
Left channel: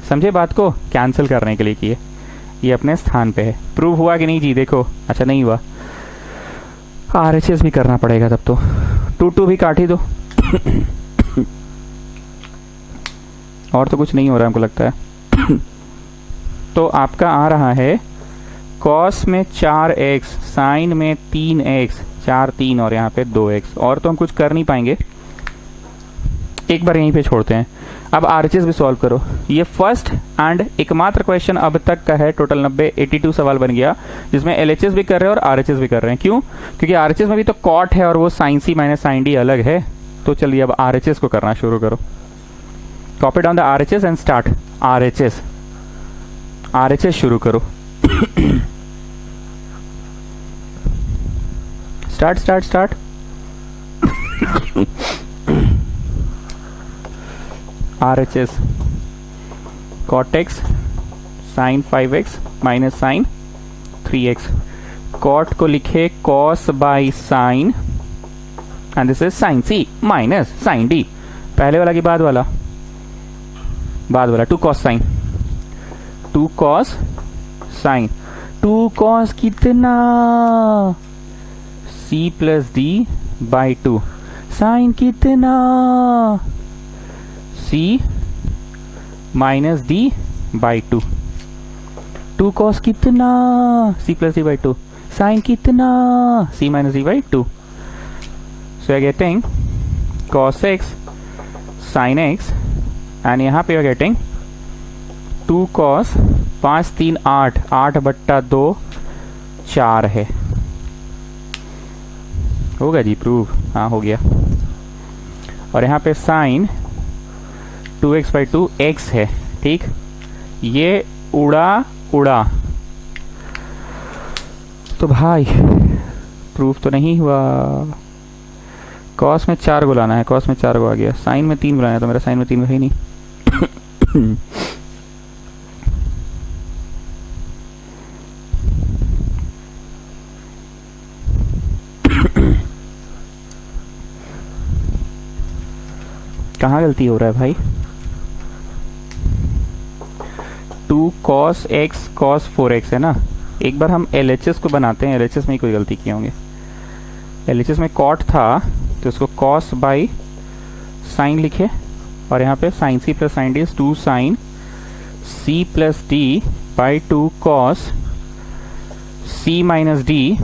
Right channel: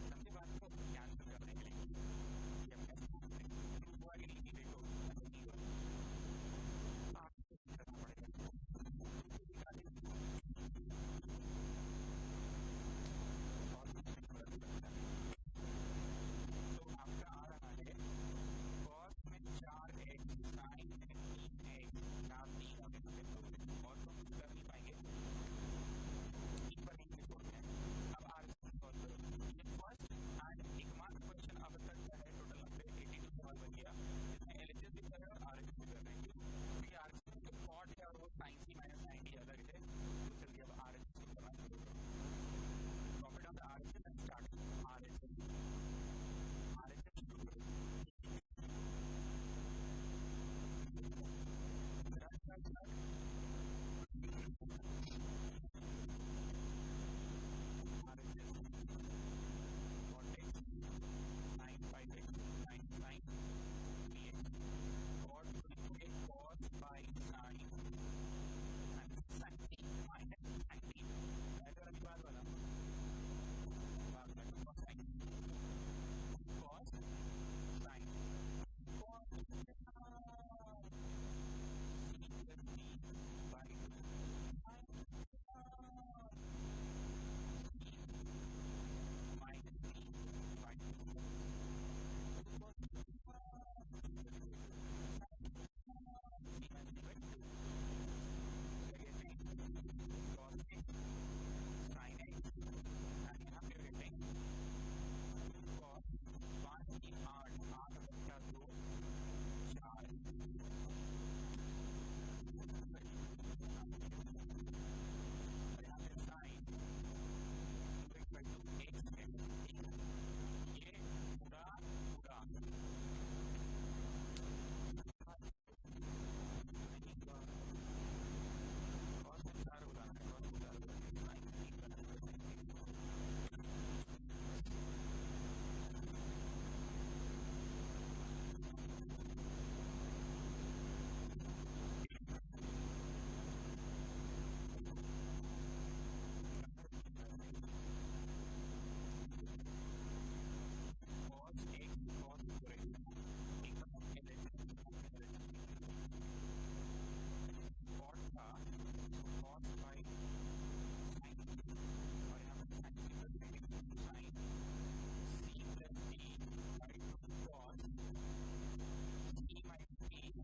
समझे बात को? कैंसिल करने के लिए किए, ये अपने स्थान पे है. प्रूव हुआ कि नहीं जी? देखो. अच्छा नहीं हुआ, RHS भी करना पड़ेगा तब तो. 2 भी काट ही दो. और तो कुछ नहीं हो रहा हमको लगता है. तो आपका आ रहा है कॉस में 4x, साइन में 3x, 4 3 और यहाँ पे 2x. और तो हम कुछ कर नहीं पाएंगे, एक बार यहीं पे छोड़ते हैं. अब RHS भी सॉल्व करो. ये फर्स्ट एंड एकमात्र क्वेश्चन अब तक का है. टोटल 82 सवाल बन गया, जिसमें LHS भी कर रहे हैं और RHS भी कर रहे हैं. क्यों? क्योंकि RHS में भी तो कॉट है और वो sign C minus sine D अलग है. तो चलिए अब RHS को करना शुरू करो. Copy down the RHS and start. RHS शुरू करो. Start. RHS cot x sin 5x minus sine 3x. cot को लिखे cos by sine and this is sine c minus sine d. पहले वाला की बाद वाला? बाद वाला. 2 cos sine, 2 cos sine. 2 cos कितना? c प्लस d बाई 2. साइन कितना? c minus D by 2. 2 cos कितना? c plus D by 2. Sine कितना? c minus D by 2. So I getting cos X sine X and यहाँ पे getting 2 cos 5 3 8, 8 बट्टा 2 4 है. होगा जी प्रूव? हाँ हो गया. और यहाँ पे साइन 2x बाई 2 x है. ठीक, ये उड़ा तो भाई प्रूफ तो नहीं हुआ. कॉस में 4 को लाना है, कॉस में 4 को आ गया. साइन में 3 बुलाना है, तो मेरा साइन में 3 है ही नहीं. कहाँ गलती हो रहा है भाई? 2 cos x cos 4x है ना. एक बार हम LHS को बनाते हैं. LHS में ही कोई गलती किए होंगे. LHS में cot था तो उसको cos बाई साइन लिखे, और यहाँ पे sine c plus sine D 2 sine c plus D by 2 cos c minus D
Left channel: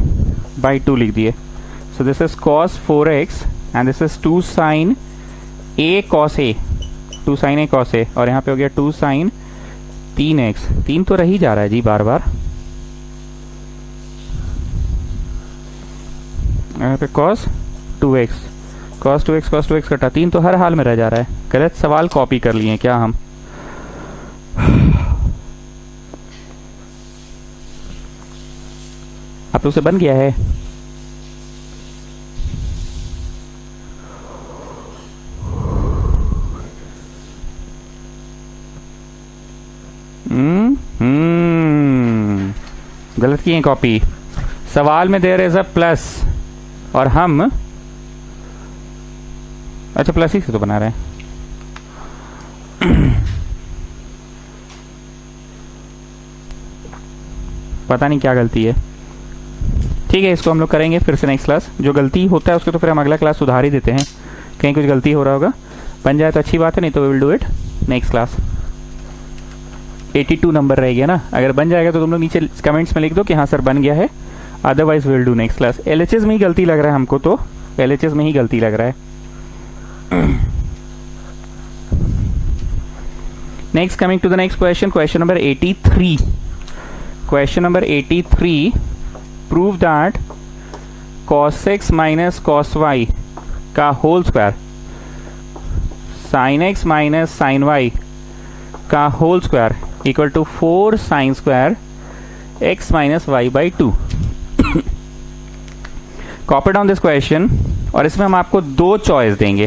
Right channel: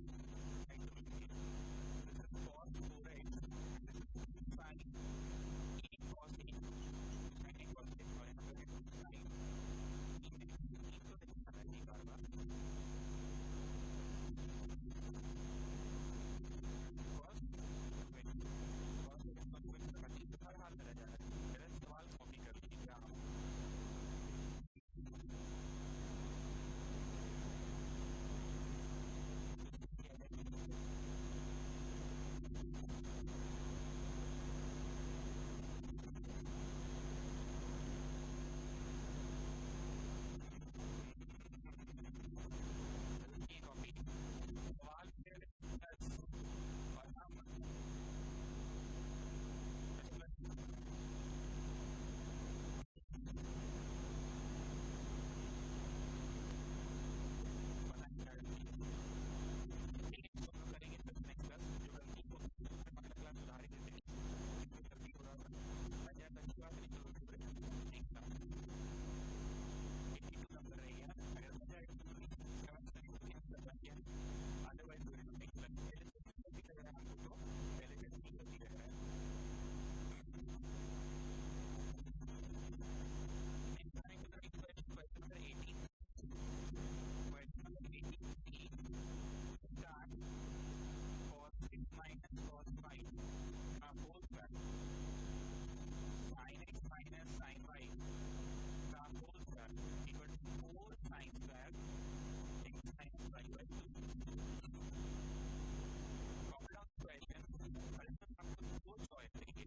by 2 लिख दिए. So this is cos 4x and this is 2 sine a cos a, 2 sine a cos a, और यहाँ पे हो गया 2 sign 3x. 3 तो रही जा रहा है जी बार बार. यहाँ पे cos 2x, cos 2x कटा 3 तो हर हाल में रह जा रहा है। गलत सवाल कॉपी कर लिए क्या हम? अब तो उसे बन गया है। गलत किए कॉपी। सवाल में देयर इज अ प्लस और हम अच्छा प्लस ही से तो बना रहे हैं। पता नहीं क्या गलती है। ठीक है, इसको हम लोग करेंगे फिर से नेक्स्ट क्लास। जो गलती होता है उसको तो फिर हम अगला क्लास सुधार ही देते हैं। कहीं कुछ गलती हो रहा होगा, बन जाए तो अच्छी बात है, नहीं तो we will do it next class. 82 नंबर रह गया ना। अगर बन जाएगा तो तुम लोग नीचे कमेंट्स में लिख दो कि हाँ सर बन गया है, otherwise will do next class. LHS में ही गलती लग रहा है हमको, तो एलएचएस में ही गलती लग रहा है। Next, coming to the next question, question number 83। Question number 83, prove that cos x minus cos y का whole square sin x minus sin y का whole square equal to 4 sin square x minus y by 2। Copy down this question, और इसमें हम आपको दो choice देंगे।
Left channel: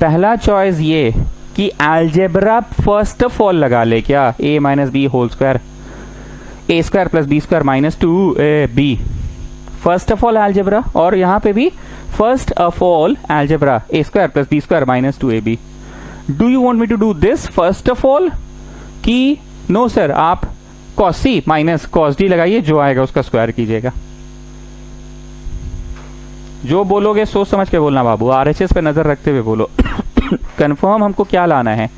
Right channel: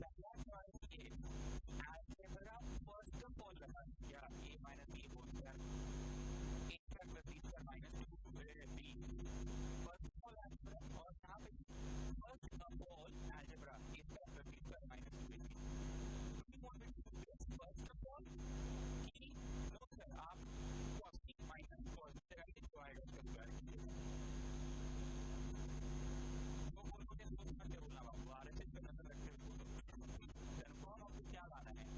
पहला choice ये कि अलजेब्रा फर्स्ट ऑफ ऑल लगा ले क्या, a minus B whole square, A square plus B square minus 2ab, first of all algebra. और यहाँ पे भी first of all algebra, A square plus B square minus 2ab। Do you want me to do this first of all कि no sir आप cos c minus cos d लगाइए, जो आएगा उसका स्क्वायर कीजिएगा। जो बोलोगे सोच समझ के बोलना बाबू, आरएचएस पे नजर रखते हुए बोलो। कंफर्म हमको क्या लाना है,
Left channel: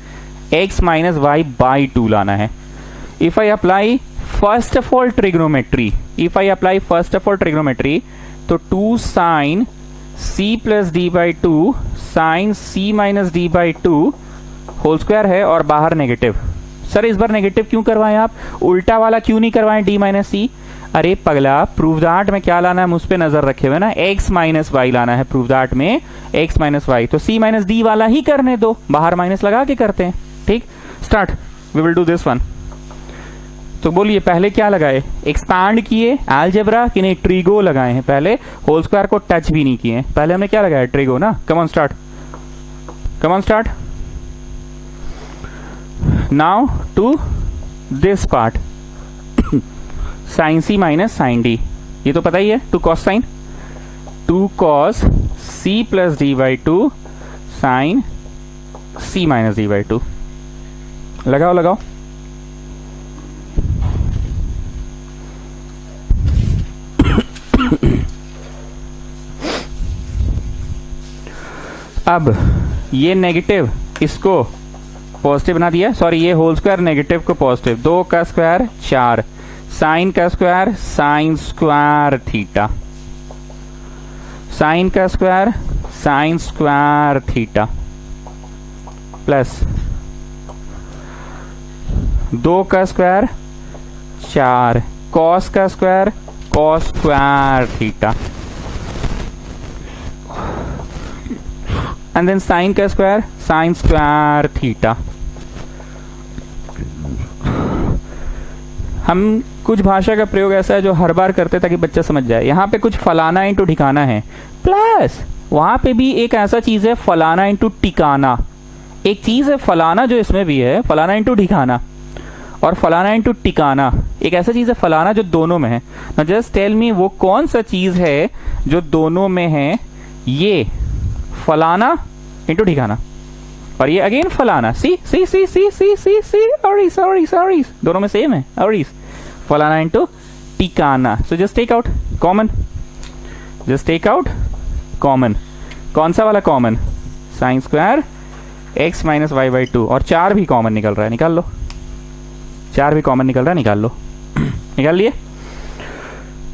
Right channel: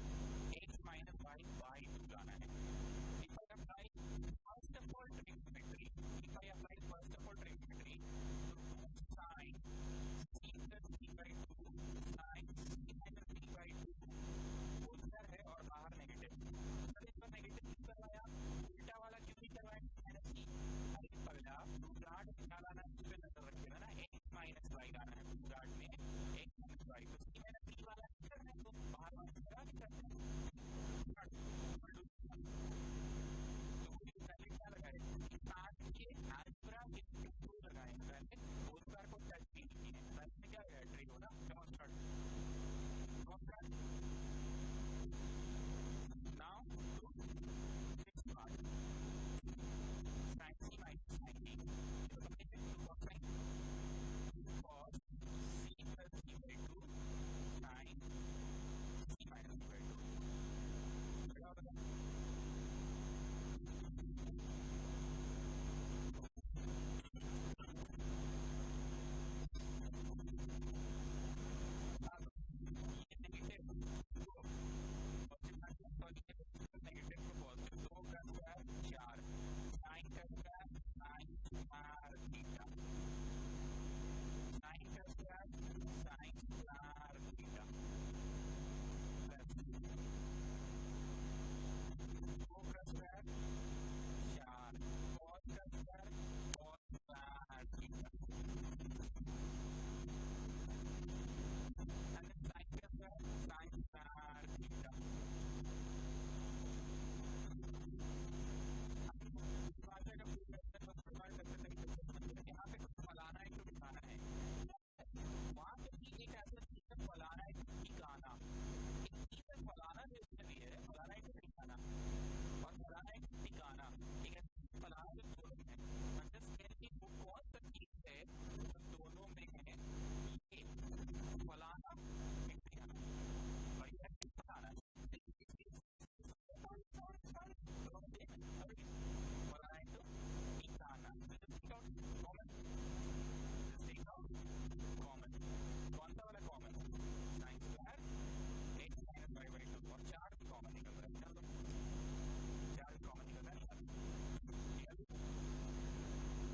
x माइनस वाई बाई 2 लाना है। If I apply first of all trigonometry, if I apply first of all trigonometry, तो 2 sine c plus D by 2 sine c minus D by 2 whole square है, और बाहर नेगेटिव। सर इस बार negative क्यों करवाएं आप, उल्टा वाला क्यों नहीं करवाएं d माइनस सी? अरे पगला, प्रूव दैट में क्या लाना है, मुझ पे नजर रखे हुए ना, x माइनस वाई लाना है। प्रूव दैट में x माइनस वाई, तो c माइनस डी वाला ही करने दो, बाहर माइनस लगा के करते हैं। ठीक, start, we will do this one. तो बोलिए पहले क्या लगाए, एक्सपांड किए अलजेब्रा कि नहीं, ट्रिगो लगाए हैं पहले, होल स्क्वायर को टच भी नहीं किए। पहले हमने क्या लगाया, ट्रिगो ना। Come on start, come on start. Now to this part, sine C minus sine D, ये तो पता ही है, two cos sine, two cos C plus D by 2 sine C minus D by 2। लगाओ लगाओ, अब ये नेगेटिव इसको पॉजिटिव बना दिया, सॉरी ये होल स्क्वायर नेगेटिव को पॉजिटिव, 2 का स्क्वायर 4, साइन का square sine square theta, sine का square sine square theta, plus 2 का स्क्वायर 4, कॉस का square cos square theta, and then sine का स्क्वायर साइन स्क्वायर थीटा। हम कुछ भाषा का प्रयोग ऐसा है जो हर बार करते ताकि बच्चा समझ जाए। यहाँ पे कुछ फलाना इंटू ठिकाना है, प्लस वहां पे भी एक ऐसा चीज है फलाना इंटू टिकाना। एक चीज है फलाना जो इसमें भी है, फलाना इंटू ठिकाना, और फलाना इंटू टिकाना एक ऐसा चीज है फलाना जो दोनों में है। नाउ जस्ट टेल मी वो कौन सा चीज है जो दोनों में है, ये फलाना इंटू ठिकाना, और ये अगेन फलाना, C C C C C C C ऑरिस ऑरिस ऑरिस, दोनों में सेम है ऑरिस, फलाना इंटू टिकाना। So just take out common, just take out common. कौन सा वाला common, sine square X minus Y by 2, और 4 भी कॉमन निकल रहा है, निकाल लो, 4 भी कॉमन निकल रहा है, निकाल लो। निकाल लिए।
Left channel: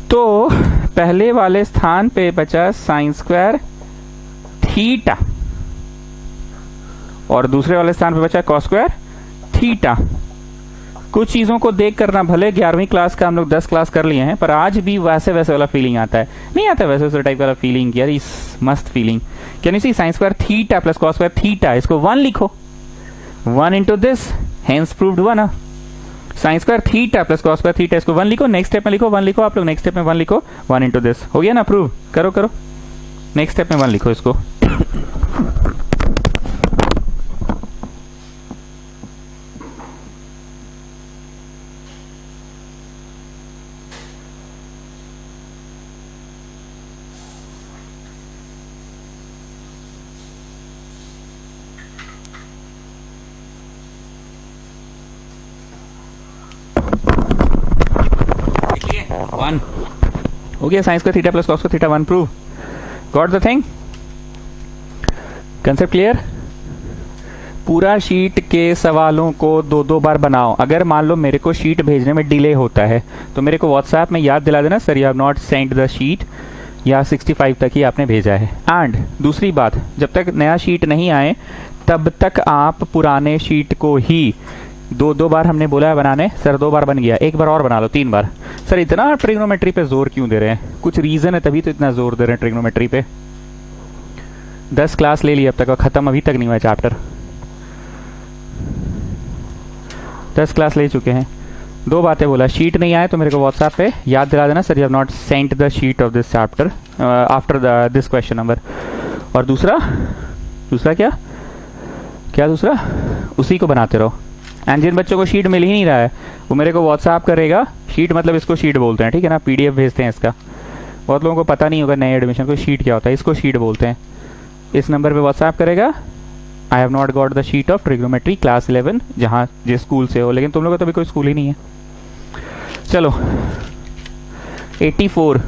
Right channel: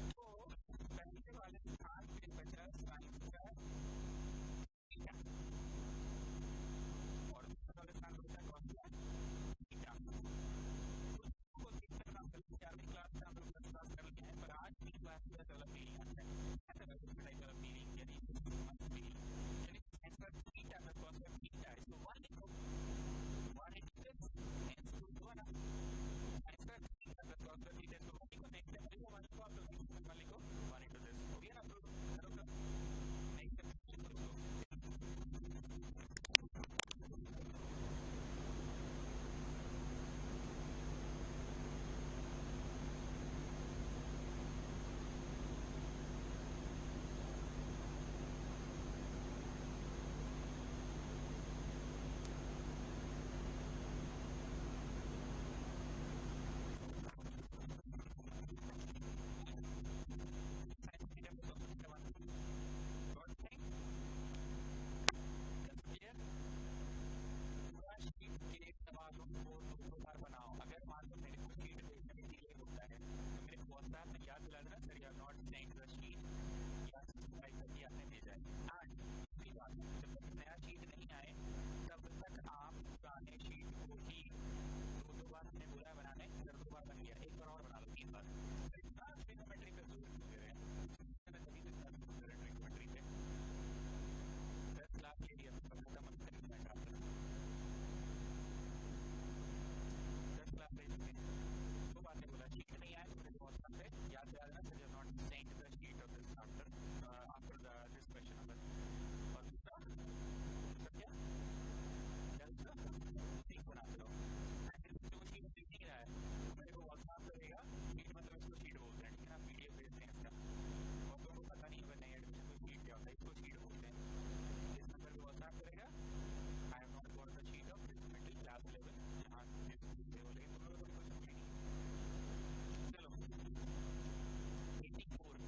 तो पहले वाले स्थान पे बचा साइन स्क्वायर थीटा, और दूसरे वाले स्थान पे बचा कॉस स्क्वायर थीटा, कुछ चीज़ों को देख करना, भले 11वीं क्लास का हम लोग 10 क्लास कर लिए हैं, पर आज भी वैसे वैसे वाला फीलिंग आता है, नहीं आता वैसे वैसे टाइप वाला फीलिंग, यार इस मस्त feeling. Can you see sine square theta plus cos square theta, इसको 1 लिखो, 1 into this, hence proved 1। Sine square theta plus cos square theta, इसको 1 लिखो, नेक्स्ट स्टेप में लिखो 1 लिखो, आप लोग नेक्स्ट स्टेप में 1 लिखो, 1 इंटू दिस, हो गया ना प्रूव, करो करो, नेक्स्ट स्टेप में 1 लिखो इसको। हो गया, साइंस का थीटा प्लस कॉस का theta 1 prove, got the thing, concept clear. पूरा शीट के सवालों को 2-2 बार बनाओ। अगर मान लो मेरे को शीट भेजने में डिले होता है तो मेरे को व्हाट्सएप में याद दिला देना, sir you have not send the sheet, या 65 तक ही आपने भेजा है। एंड दूसरी बात, जब तक नया शीट नहीं आए तब तक आप पुराने शीट को ही 2-2 बार हमने बोला है बनाने, सर 2 बार बन गया, 1 बार और बना लो, 3 बार। सर इतना ट्रिग्नोमेट्री पे जोर क्यों दे रहे हैं, कुछ रीजन है तभी तो इतना जोर दे रहे हैं ट्रिग्नोमेट्री पे। 10 क्लास ले ली अब तक और खत्म अभी तक नहीं हुआ चैप्टर, 10 क्लास ले चुके हैं। 2 बातें बोला, शीट नहीं आए तो मेरे को व्हाट्सएप पे याद दिला देना, sir you have not sent the sheet of this chapter after this question number. और दूसरा क्या दूसरा, उसी को बनाते रहो। एंड जिन बच्चों को शीट मिल ही नहीं रहा है वो मेरे को व्हाट्सएप करेगा, शीट मतलब इसको शीट बोलते हैं, ठीक है ना, पीडीएफ भेजते हैं इसका, बहुत लोगों को पता नहीं होगा नए एडमिशन को शीट क्या होता है, इसको शीट बोलते हैं। इस नंबर पे व्हाट्सएप करेगा, आई have not got the sheet of trigonometry class 11, जहाँ जिस स्कूल से हो, लेकिन तुम लोगों का तो अभी कोई स्कूल ही नहीं है। चलो 84,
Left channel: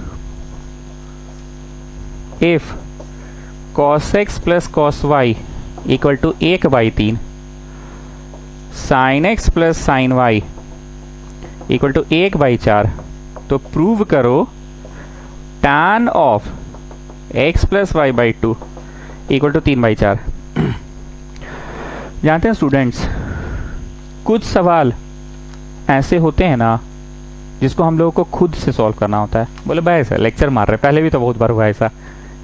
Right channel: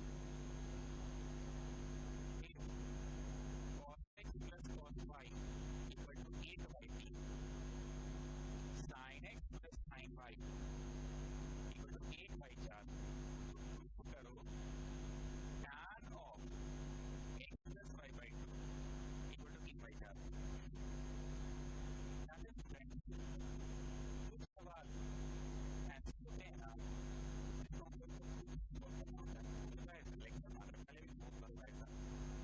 इफ cos x plus cos y equal to 1/3, sin x plus sin y equal to 1/4, तो प्रूव करो tan of x plus y/2 equal to 3/4। जानते हैं स्टूडेंट्स, कुछ सवाल ऐसे होते हैं ना जिसको हम लोगों को खुद से सॉल्व करना होता है। बोले भाई ऐसा लेक्चर मार रहे, पहले भी तो बहुत बार हुआ ऐसा,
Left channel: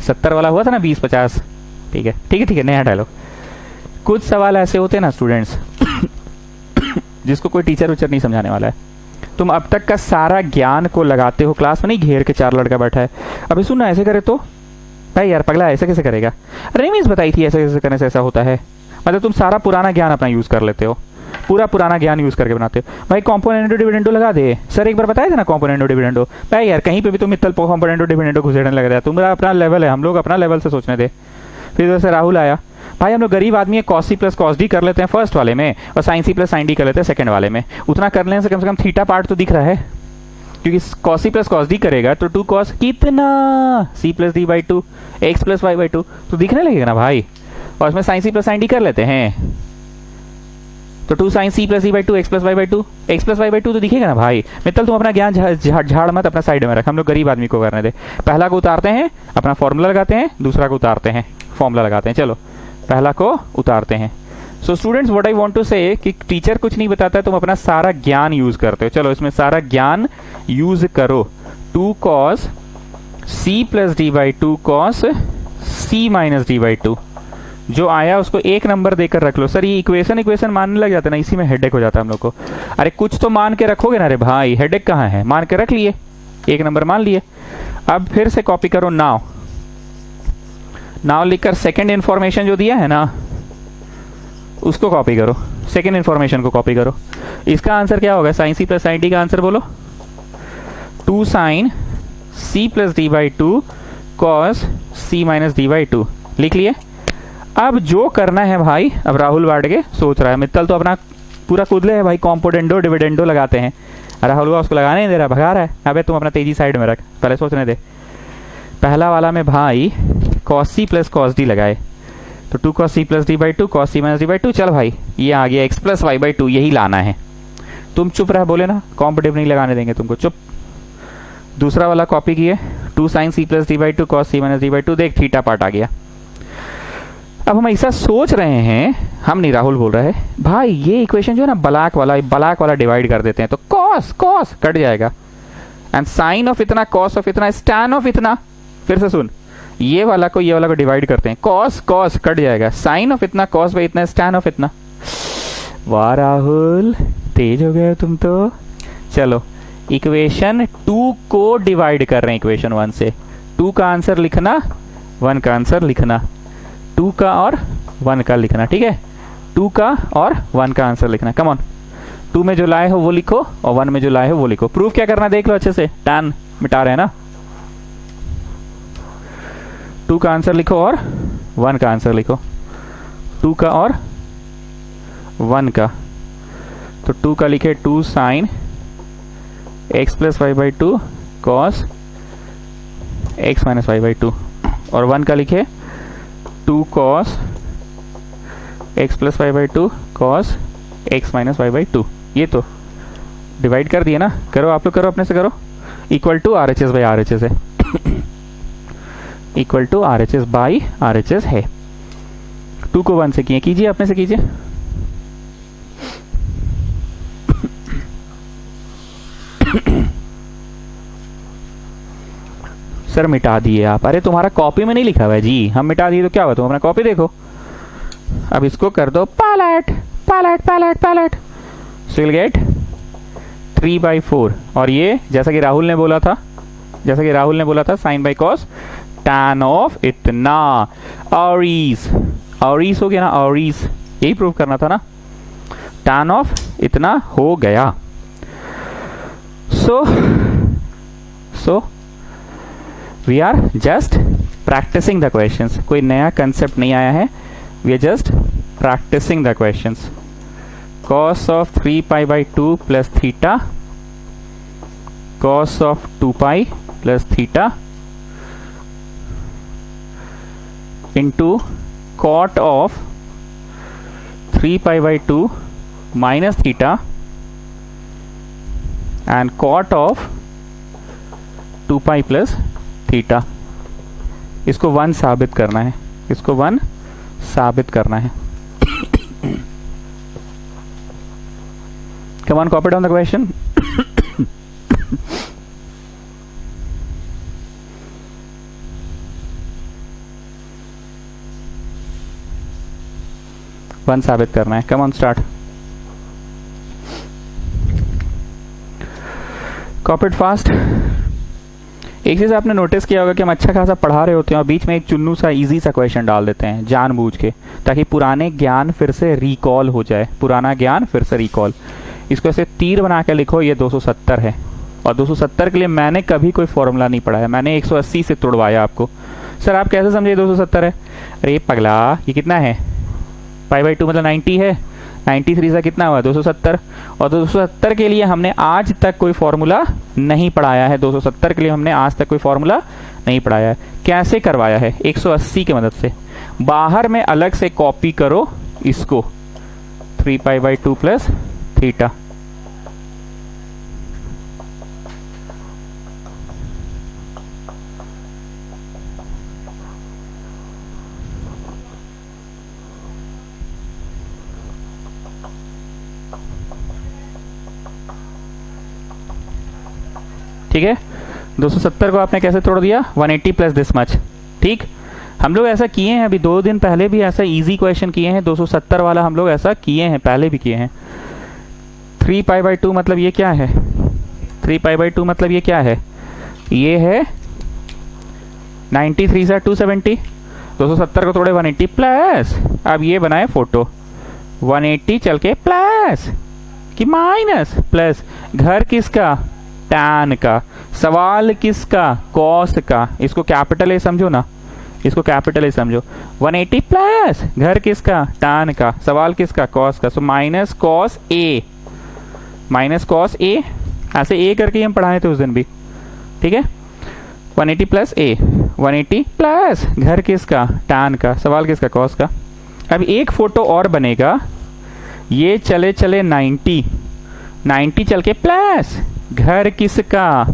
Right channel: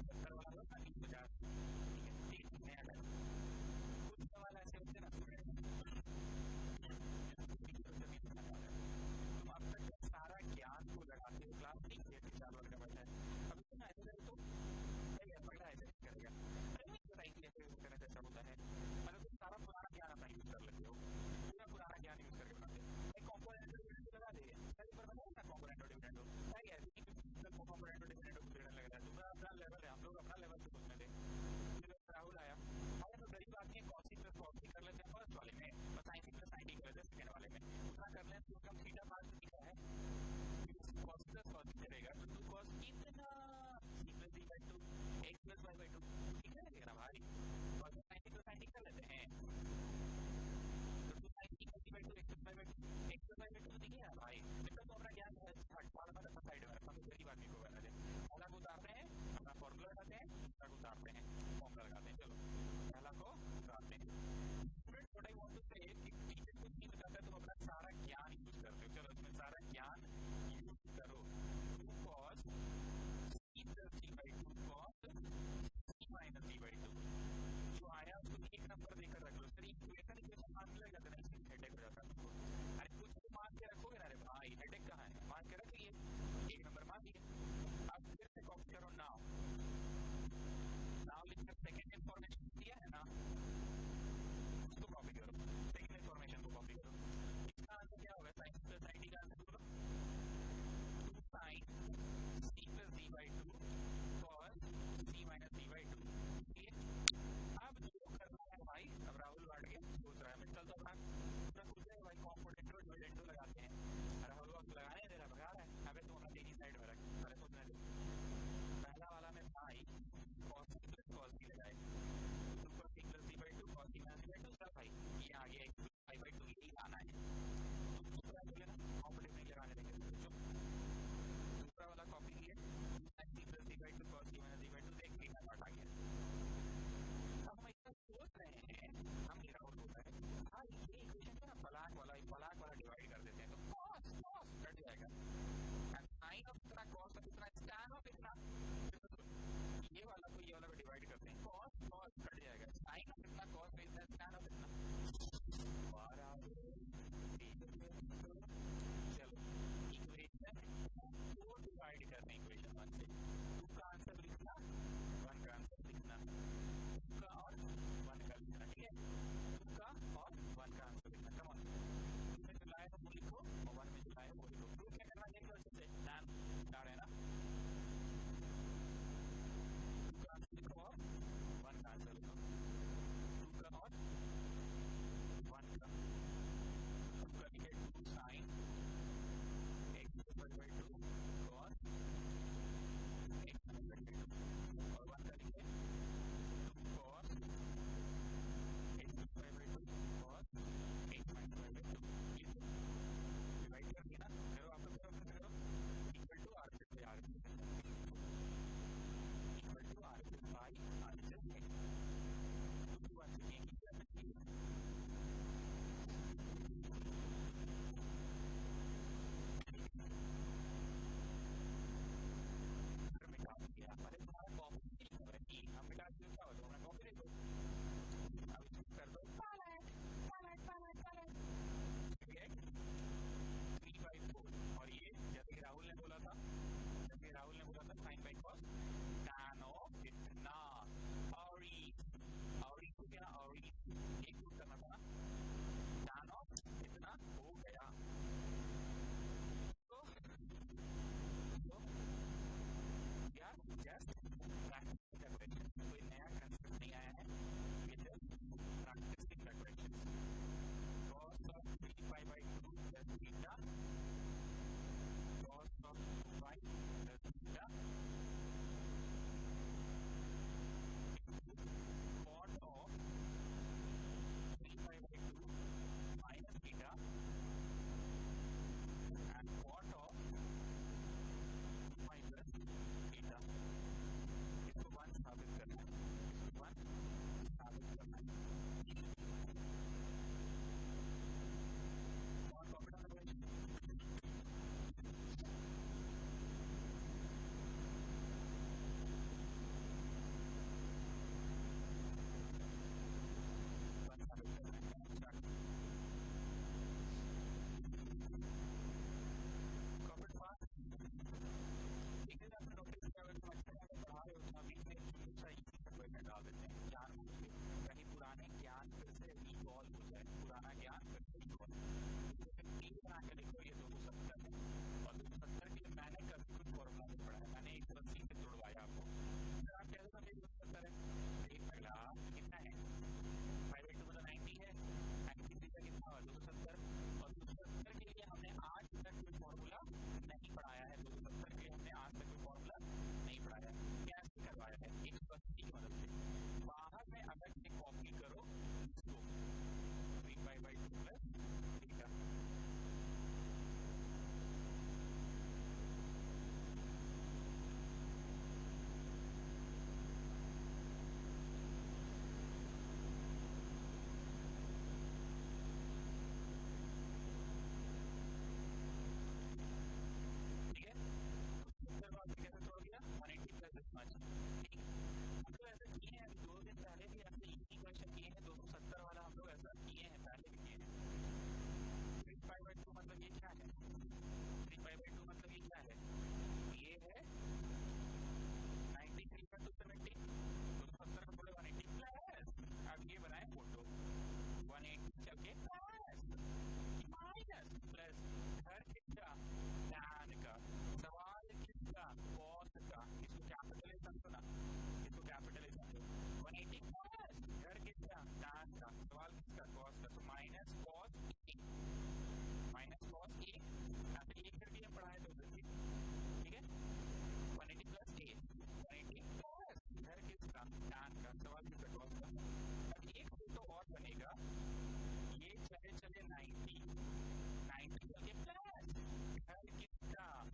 70 वाला हुआ था ना, 20-50, ठीक है नया डायलॉग। कुछ सवाल ऐसे होते हैं ना स्टूडेंट्स जिसको कोई टीचर उचर नहीं समझाने वाला है, तुम अब तक का सारा ज्ञान को लगाते हो, क्लास में नहीं घेर के 4 लड़का बैठा है, अभी सुनना ऐसे करे तो भाई यार पगला ऐसे कैसे करेगा, अरे मीन्स बताई थी ऐसे कैसे करने से ऐसा होता है, मतलब तुम सारा पुराना ज्ञान अपना यूज कर लेते हो, पूरा पुराना ज्ञान यूज करके बनाते हो। भाई कॉम्पोनेंटो डिविडेंडो लगा दे, सर एक बार बताया था ना कॉम्पोनेंटो डिविडेंडो, भाई यार कहीं पे भी तुम मित्तल कॉम्पोनेंटो डिविडेंडो घुसेड़ने लग रहा, तुम्हारा अपना लेवल है, हम लोग अपना लेवल से सोचने दे। फिर वैसे राहुल आया, भाई हम लोग गरीब आदमी है, cos C plus cos D कर लेते हैं फर्स्ट वाले में और sine C plus sine D कर लेते हैं सेकंड वाले में, उतना कर लेने से कम थीटा पार्ट तो दिख रहा है, क्योंकि cos C plus cos D करेगा तो 2 cos कितना C plus D by 2 X plus Y by 2 तो दिखने लगेगा ना भाई, और इसमें sine C plus sine D कर लेते हैं तो 2 sin c plus D by 2 X plus Y by 2 X plus Y by 2 तो दिखेगा ना भाई। मित्तल तुम अपना ज्ञान झाड़ मत, अपना साइड में रख, हम लोग गरीब आदमी को करने दे। पहला को उतारते हैं, अपना फॉर्मूला लगाते हैं, दूसरा को उतारते हैं, फॉर्मूला लगाते हैं। चलो पहला को उतारते हैं। So students what I want to say कि टीचर कुछ नहीं बताता है, तुम अपना सारा ज्ञान यूज करते हो। चलो इसमें सारा ज्ञान यूज करो। 2 cos c plus D by 2 cos c minus D by 2 जो आया उसको 1 नंबर देकर रख लो। सर ये इक्वेशन मानने लग जाता है ना, इसी में हेडेक हो जाता है हम लोग को। अरे कुछ तो मान के रखोगे ना, अरे भाई हेडेक कहाँ है, मान के रख लिए, 1 नंबर मान लिए। अब फिर से कॉपी करो नाउ लिखकर सेकंड इंफॉर्मेशन जो दिया है ना उसको कॉपी करो, सेकंड इंफॉर्मेशन को कॉपी करो। इसका आंसर क्या होगा, sine C plus sine D का आंसर बोलो। 2 sin c plus D by 2 cos c minus D by 2 लिख लिए। अब जो करना है भाई, अब राहुल बांट के सोच रहा है, मित्तल तो अपना पूरा कूदले है भाई, कॉम्पोडेंडो डिविडेंडो लगाते हैं। राहुल उसको लगाने नहीं दे रहा, भगा रहा है। अबे तुम अपना तेजी साइड में रख, पहले सोचने दे। पहला वाला में भाई cos c plus cos d लगाए तो 2 cos c plus D by 2 cos c minus D by 2। चल भाई ये आ गया x प्लस वाई बाई 2, यही लाना है। तुम चुप रह, बोले ना कॉम्पिटिव नहीं लगाने देंगे तुमको, चुप। दूसरा वाला कॉपी किए, 2 sin c plus D by 2 cos c minus D by 2, देख थीटा पार्ट आ गया। अब हम ऐसा सोच रहे हैं हम नहीं, राहुल बोल रहा है भाई ये इक्वेशन जो है ना ब्लैक वाला डिवाइड कर देते हैं तो कॉस कॉस कट जाएगा, एंड साइन ऑफ इतना, कॉस ऑफ इतना, स्टैन ऑफ इतना। फिर से सुन, ये वाला को डिवाइड करते हैं, कॉस कॉस कट जाएगा, साइन ऑफ इतना, कॉस बाई इतना, स्टैन ऑफ इतना। वाह राहुल तेज हो गए तुम तो। चलो इक्वेशन 2 को डिवाइड कर रहे हैं इक्वेशन 1 से। 2 का आंसर लिखना, 1 का आंसर लिखना, 2 का और 1 का लिखना, ठीक है। 2 का और 1 का आंसर लिखना। कम ऑन, 2 में जो लाए हो वो लिखो और 1 में जो लाए हो वो लिखो। प्रूफ क्या करना देख लो अच्छे से, टैन मिटा रहे हैं ना। 2 का आंसर लिखो और 1 का आंसर लिखो, 2 का और 1 का। तो 2 का लिखे 2 sine x plus Y by 2 cos x minus Y by 2, और 1 का लिखे 2 cos x plus Y by 2 cos x minus Y by 2। ये तो डिवाइड कर दिए ना, करो आप लोग, करो अपने से करो। Equal to R H S by R H S है, equal to R H S by R H S है। 2 को 1 से किए, कीजिए अपने से कीजिए। सर मिटा दिए आप, अरे तुम्हारा कॉपी में नहीं लिखा हुआ है जी, हम मिटा दिए तो क्या हुआ, तुम अपना कॉपी देखो। अब इसको कर दो पैलेट पैलेट पैलेट पैलेट, सो विल गेट 3/4। और ये जैसा कि राहुल ने बोला था, sine by cos tan of इतना, ऑरीज ऑरीज हो गया ना, ऑरीज यही प्रूव करना था ना, टैन ऑफ इतना हो गया। So we are just practising the questions, कोई नया कंसेप्ट नहीं आया है, we are just practising the questions. cos of 3 pi by 2 plus theta, cos of 2 pi plus theta into cot of 3 pi by 2 minus theta and cot of 2 pi plus theta. इसको 1 साबित करना है, इसको 1 साबित करना है। Come on, copy down the question. One साबित करना है। Come on, start. Copy it fast. एक चीज आपने नोटिस किया होगा कि हम अच्छा खासा पढ़ा रहे होते हैं और बीच में एक चुन्नू सा इजी सा क्वेश्चन डाल देते हैं जानबूझ के, ताकि पुराने ज्ञान फिर से रिकॉल हो जाए, पुराना ज्ञान फिर से रिकॉल। इसको ऐसे तीर बना के लिखो, ये 270 है, और 270 के लिए मैंने कभी कोई फॉर्मूला नहीं पढ़ाया, मैंने 180 से तोड़वाया आपको। सर आप कैसे समझे 270 है? अरे पगला, ये कितना है, पाई बाई 2 मतलब 90 है, 93 से कितना हुआ 270, और 270 के लिए हमने आज तक कोई फॉर्मूला नहीं पढ़ाया है, 270 के लिए हमने आज तक कोई फॉर्मूला नहीं पढ़ाया है। कैसे करवाया है? 180 की मदद से। बाहर में अलग से कॉपी करो इसको, 3 पाई बाई 2 प्लस थीटा, ठीक है। 270 को आपने कैसे तोड़ दिया? 180 प्लस दिस मच, ठीक। हम लोग ऐसा किए हैं, अभी 2 दिन पहले भी ऐसा इजी क्वेश्चन किए हैं, 270 वाला हम लोग ऐसा किए हैं, पहले भी किए हैं। 3 पाई बाई 2 मतलब ये क्या है? 3 पाई बाई 2 मतलब ये क्या है? ये है 93 से 270, 270 को तोड़े 180 प्लस, अब ये बनाए फोटो, 180 चल के प्लस कि माइनस प्लस, घर किसका? टैन का। सवाल किसका? कॉस का। इसको कैपिटल ए समझो ना, इसको कैपिटल ए समझो। 180 प्लस घर किसका? टैन का। सवाल किसका? कॉस का। So minus cos A, minus cos A, ऐसे ए करके हम पढ़ाए थे उस दिन भी, ठीक है। 180 प्लस ए, 180 प्लस घर किसका? टैन का। सवाल किसका? कॉस का। अब एक फोटो और बनेगा, ये चले चले 90 चल के प्लस घर किसका?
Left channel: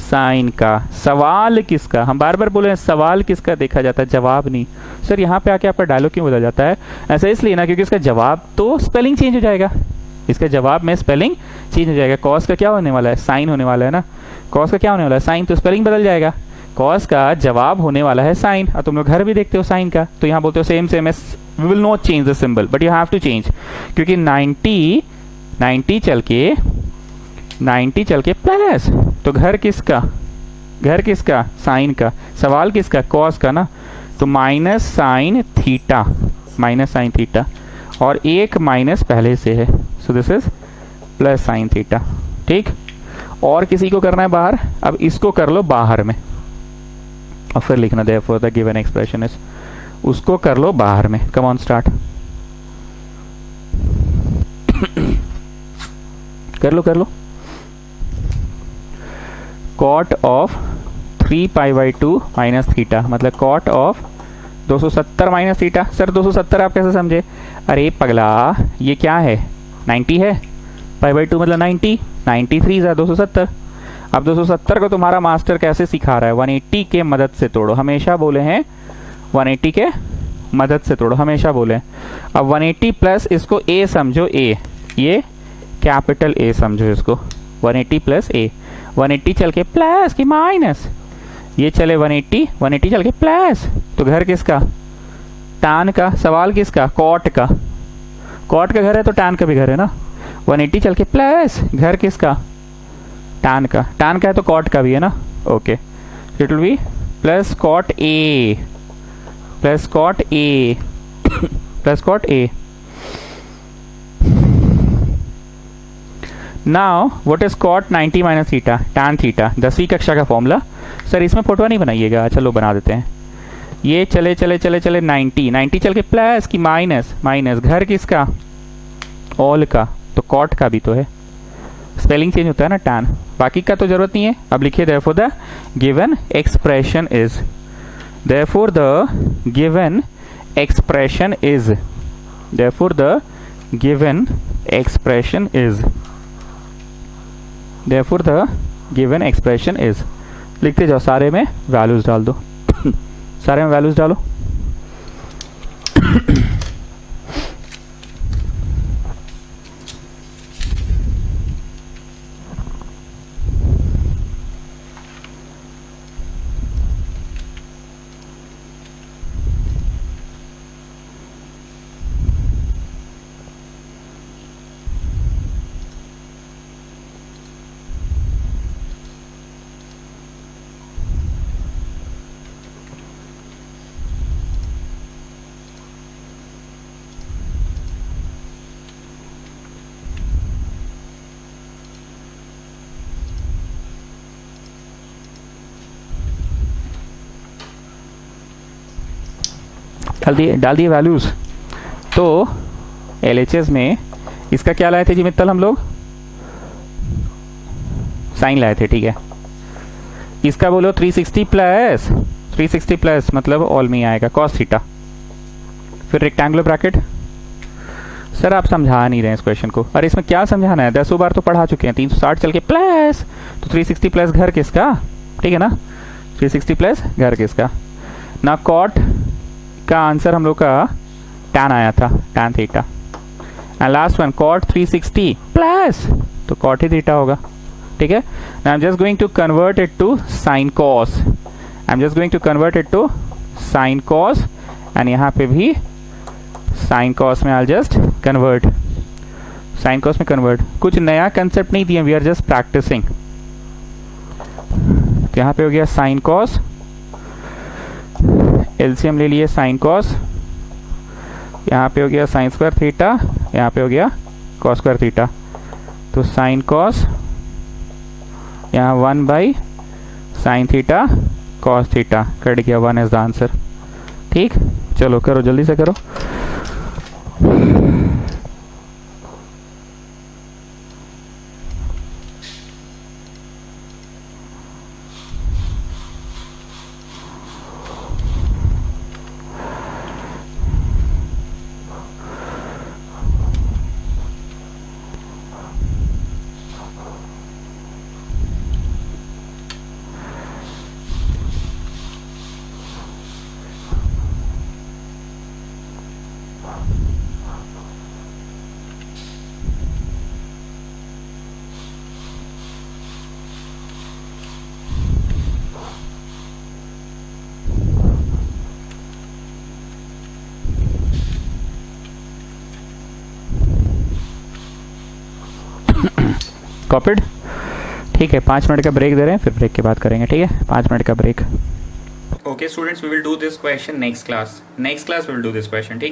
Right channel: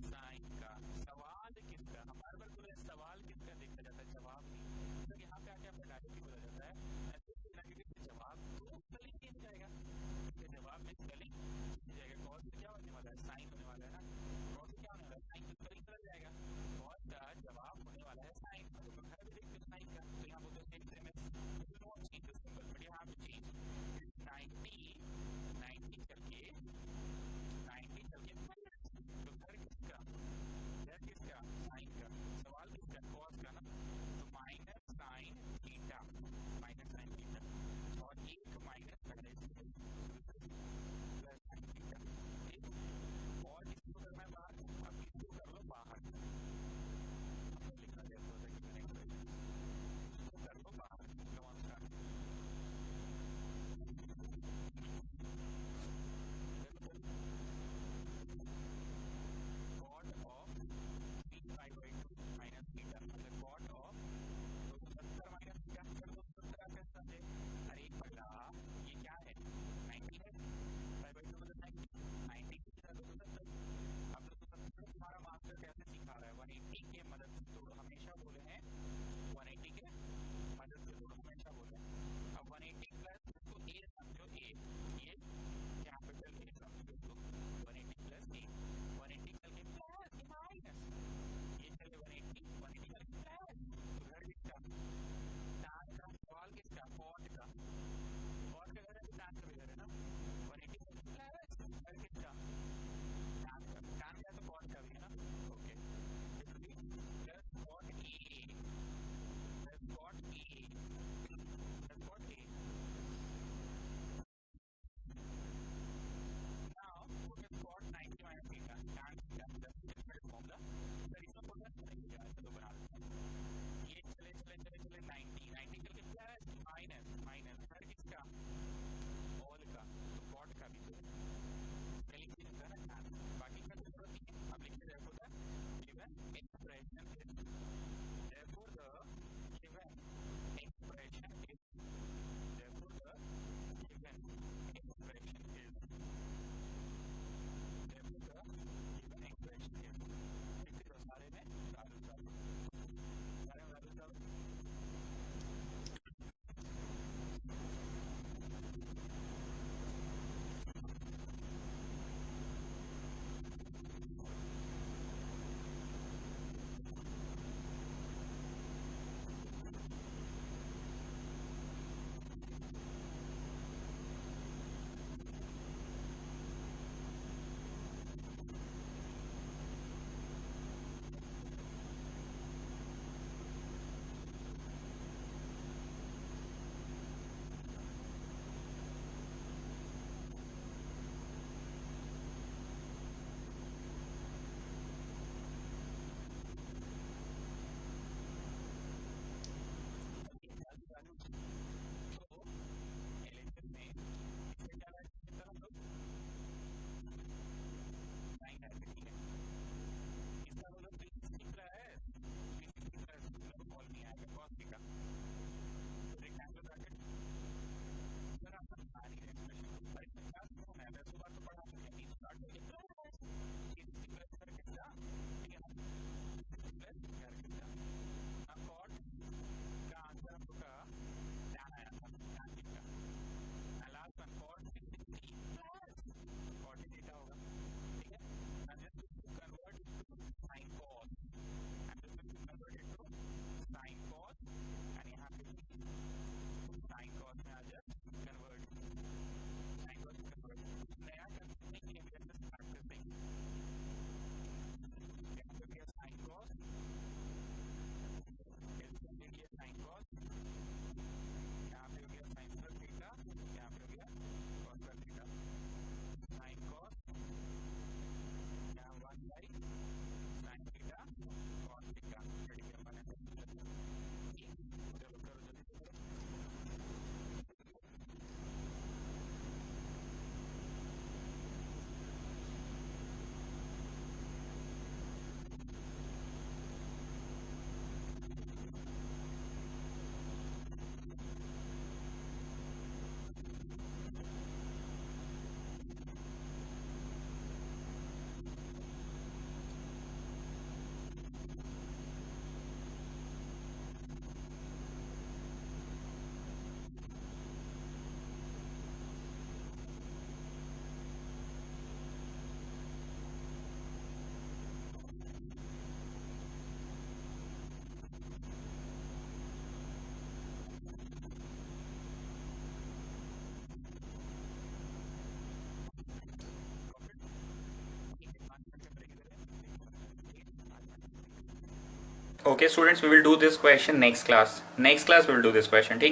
साइन का। सवाल किसका, हम बार बार बोले हैं सवाल किसका देखा जाता है, जवाब नहीं। सर यहाँ पे आके आपका डायलॉग क्यों बदल जाता है? ऐसा इसलिए ना क्योंकि इसका जवाब तो स्पेलिंग चेंज हो जाएगा, इसका जवाब में स्पेलिंग चेंज हो जाएगा। कॉस का क्या होने वाला है, साइन होने वाला है ना। कॉस का क्या होने वाला है, साइन, तो स्पेलिंग बदल जाएगा। कॉस का जवाब होने वाला है साइन, और तुम लोग घर भी देखते हो साइन का, तो यहाँ बोलते हो same same as, we will not change the symbol but you have to change, क्योंकि 90 चल के प्लस, तो घर किसका, साइन का। सवाल किसका, कॉस का ना, तो माइनस साइन थीटा, और एक माइनस पहले से है, सो this is plus sine theta. ठीक, और किसी को करना है बाहर, अब इसको कर लो बाहर में और फिर लिखना therefore the given expression is, उसको कर लो बाहर में। कम ऑन स्टार्ट, कर लो। कॉट ऑफ 3π/2 माइनस थीटा, मतलब cot of 270 minus theta. Sir 270 आप कैसे समझे? अरे पगला, ये क्या है, 90 है, π/2 मतलब 90, 93 है 270। अब 270 को तुम्हारा मास्टर कैसे सिखा रहा है, 180 के मदद से तोड़ो, हमेशा बोले हैं 180 के मदद से तोड़ो, हमेशा बोले। अब 180 प्लस इसको ए समझो, ए, ये कैपिटल ए समझो इसको, 180 प्लस ए, 180 चल के प्लस की माइनस, ये चले 180 चल के प्लस, तो घर किसका, टैन का। सवाल किसका, कॉट का। कॉट का घर है तो टैन का भी घर है ना। 180 चल के प्लस, घर किसका, टैन का। टैन का है तो कॉट का भी है ना। Okay, it will be plus cot A plus cot A. Now what is cot 90 minus theta, tan theta, 10वीं कक्षा का फॉर्मूला। सर इसमें फोटो नहीं बनाइएगा, चलो बना देते हैं। ये चले 90 चल के प्लस की माइनस, घर किसका, ऑल का, तो कॉट का भी तो है, स्पेलिंग चेंज होता है ना टैन, बाकी का तो जरूरत नहीं है। अब लिखिए therefore the given expression is, therefore the given expression is, therefore the given expression is, therefore the given expression is. लिखते जाओ, सारे में वैल्यूज डाल दो सारे में वैल्यूज डालो। डाल दिए वैल्यूज। तो LHS में इसका क्या लाए थे जी मित्तल, हम लोग साइन लाए थे, ठीक है। इसका बोलो 360 प्लस मतलब ऑल में आएगा कॉस थीटा, फिर रेक्टेंगुलर ब्रैकेट। सर आप समझा नहीं रहे हैं इस क्वेश्चन को, अरे इसमें क्या समझाना है, 10 बार तो पढ़ा चुके हैं। 360 चल के प्लस, तो 360 प्लस घर किसका, ठीक है ना, 360 प्लस घर किसका ना। कॉट का आंसर हम लोग का टैन आया था, tan theta. And last one cot 360 plus, तो कॉट ही थीटा होगा, ठीक है। I am just going to convert it to sine cos, sine cos, and यहाँ पे भी साइन कॉस में I just convert, sine cos में कन्वर्ट। कुछ नया कंसेप्ट नहीं दिया, वी आर जस्ट प्रैक्टिसिंग। तो यहाँ पे हो गया साइन कॉस, एलसीएम ले लिए साइन कॉस, यहाँ पे हो गया साइन स्क्वायर थीटा, यहाँ पे हो गया कॉस स्क्वायर थीटा। तो साइन कॉस, यहाँ 1/sin theta cos theta cut गया, 1 इज द आंसर। ठीक, चलो करो जल्दी से करो। कॉपिड? ठीक है, 5 मिनट का ब्रेक दे रहे हैं, फिर ब्रेक के बाद करेंगे, ठीक है, 5 मिनट का break. Okay students, we will do this question next class we will do this question, ठीक है।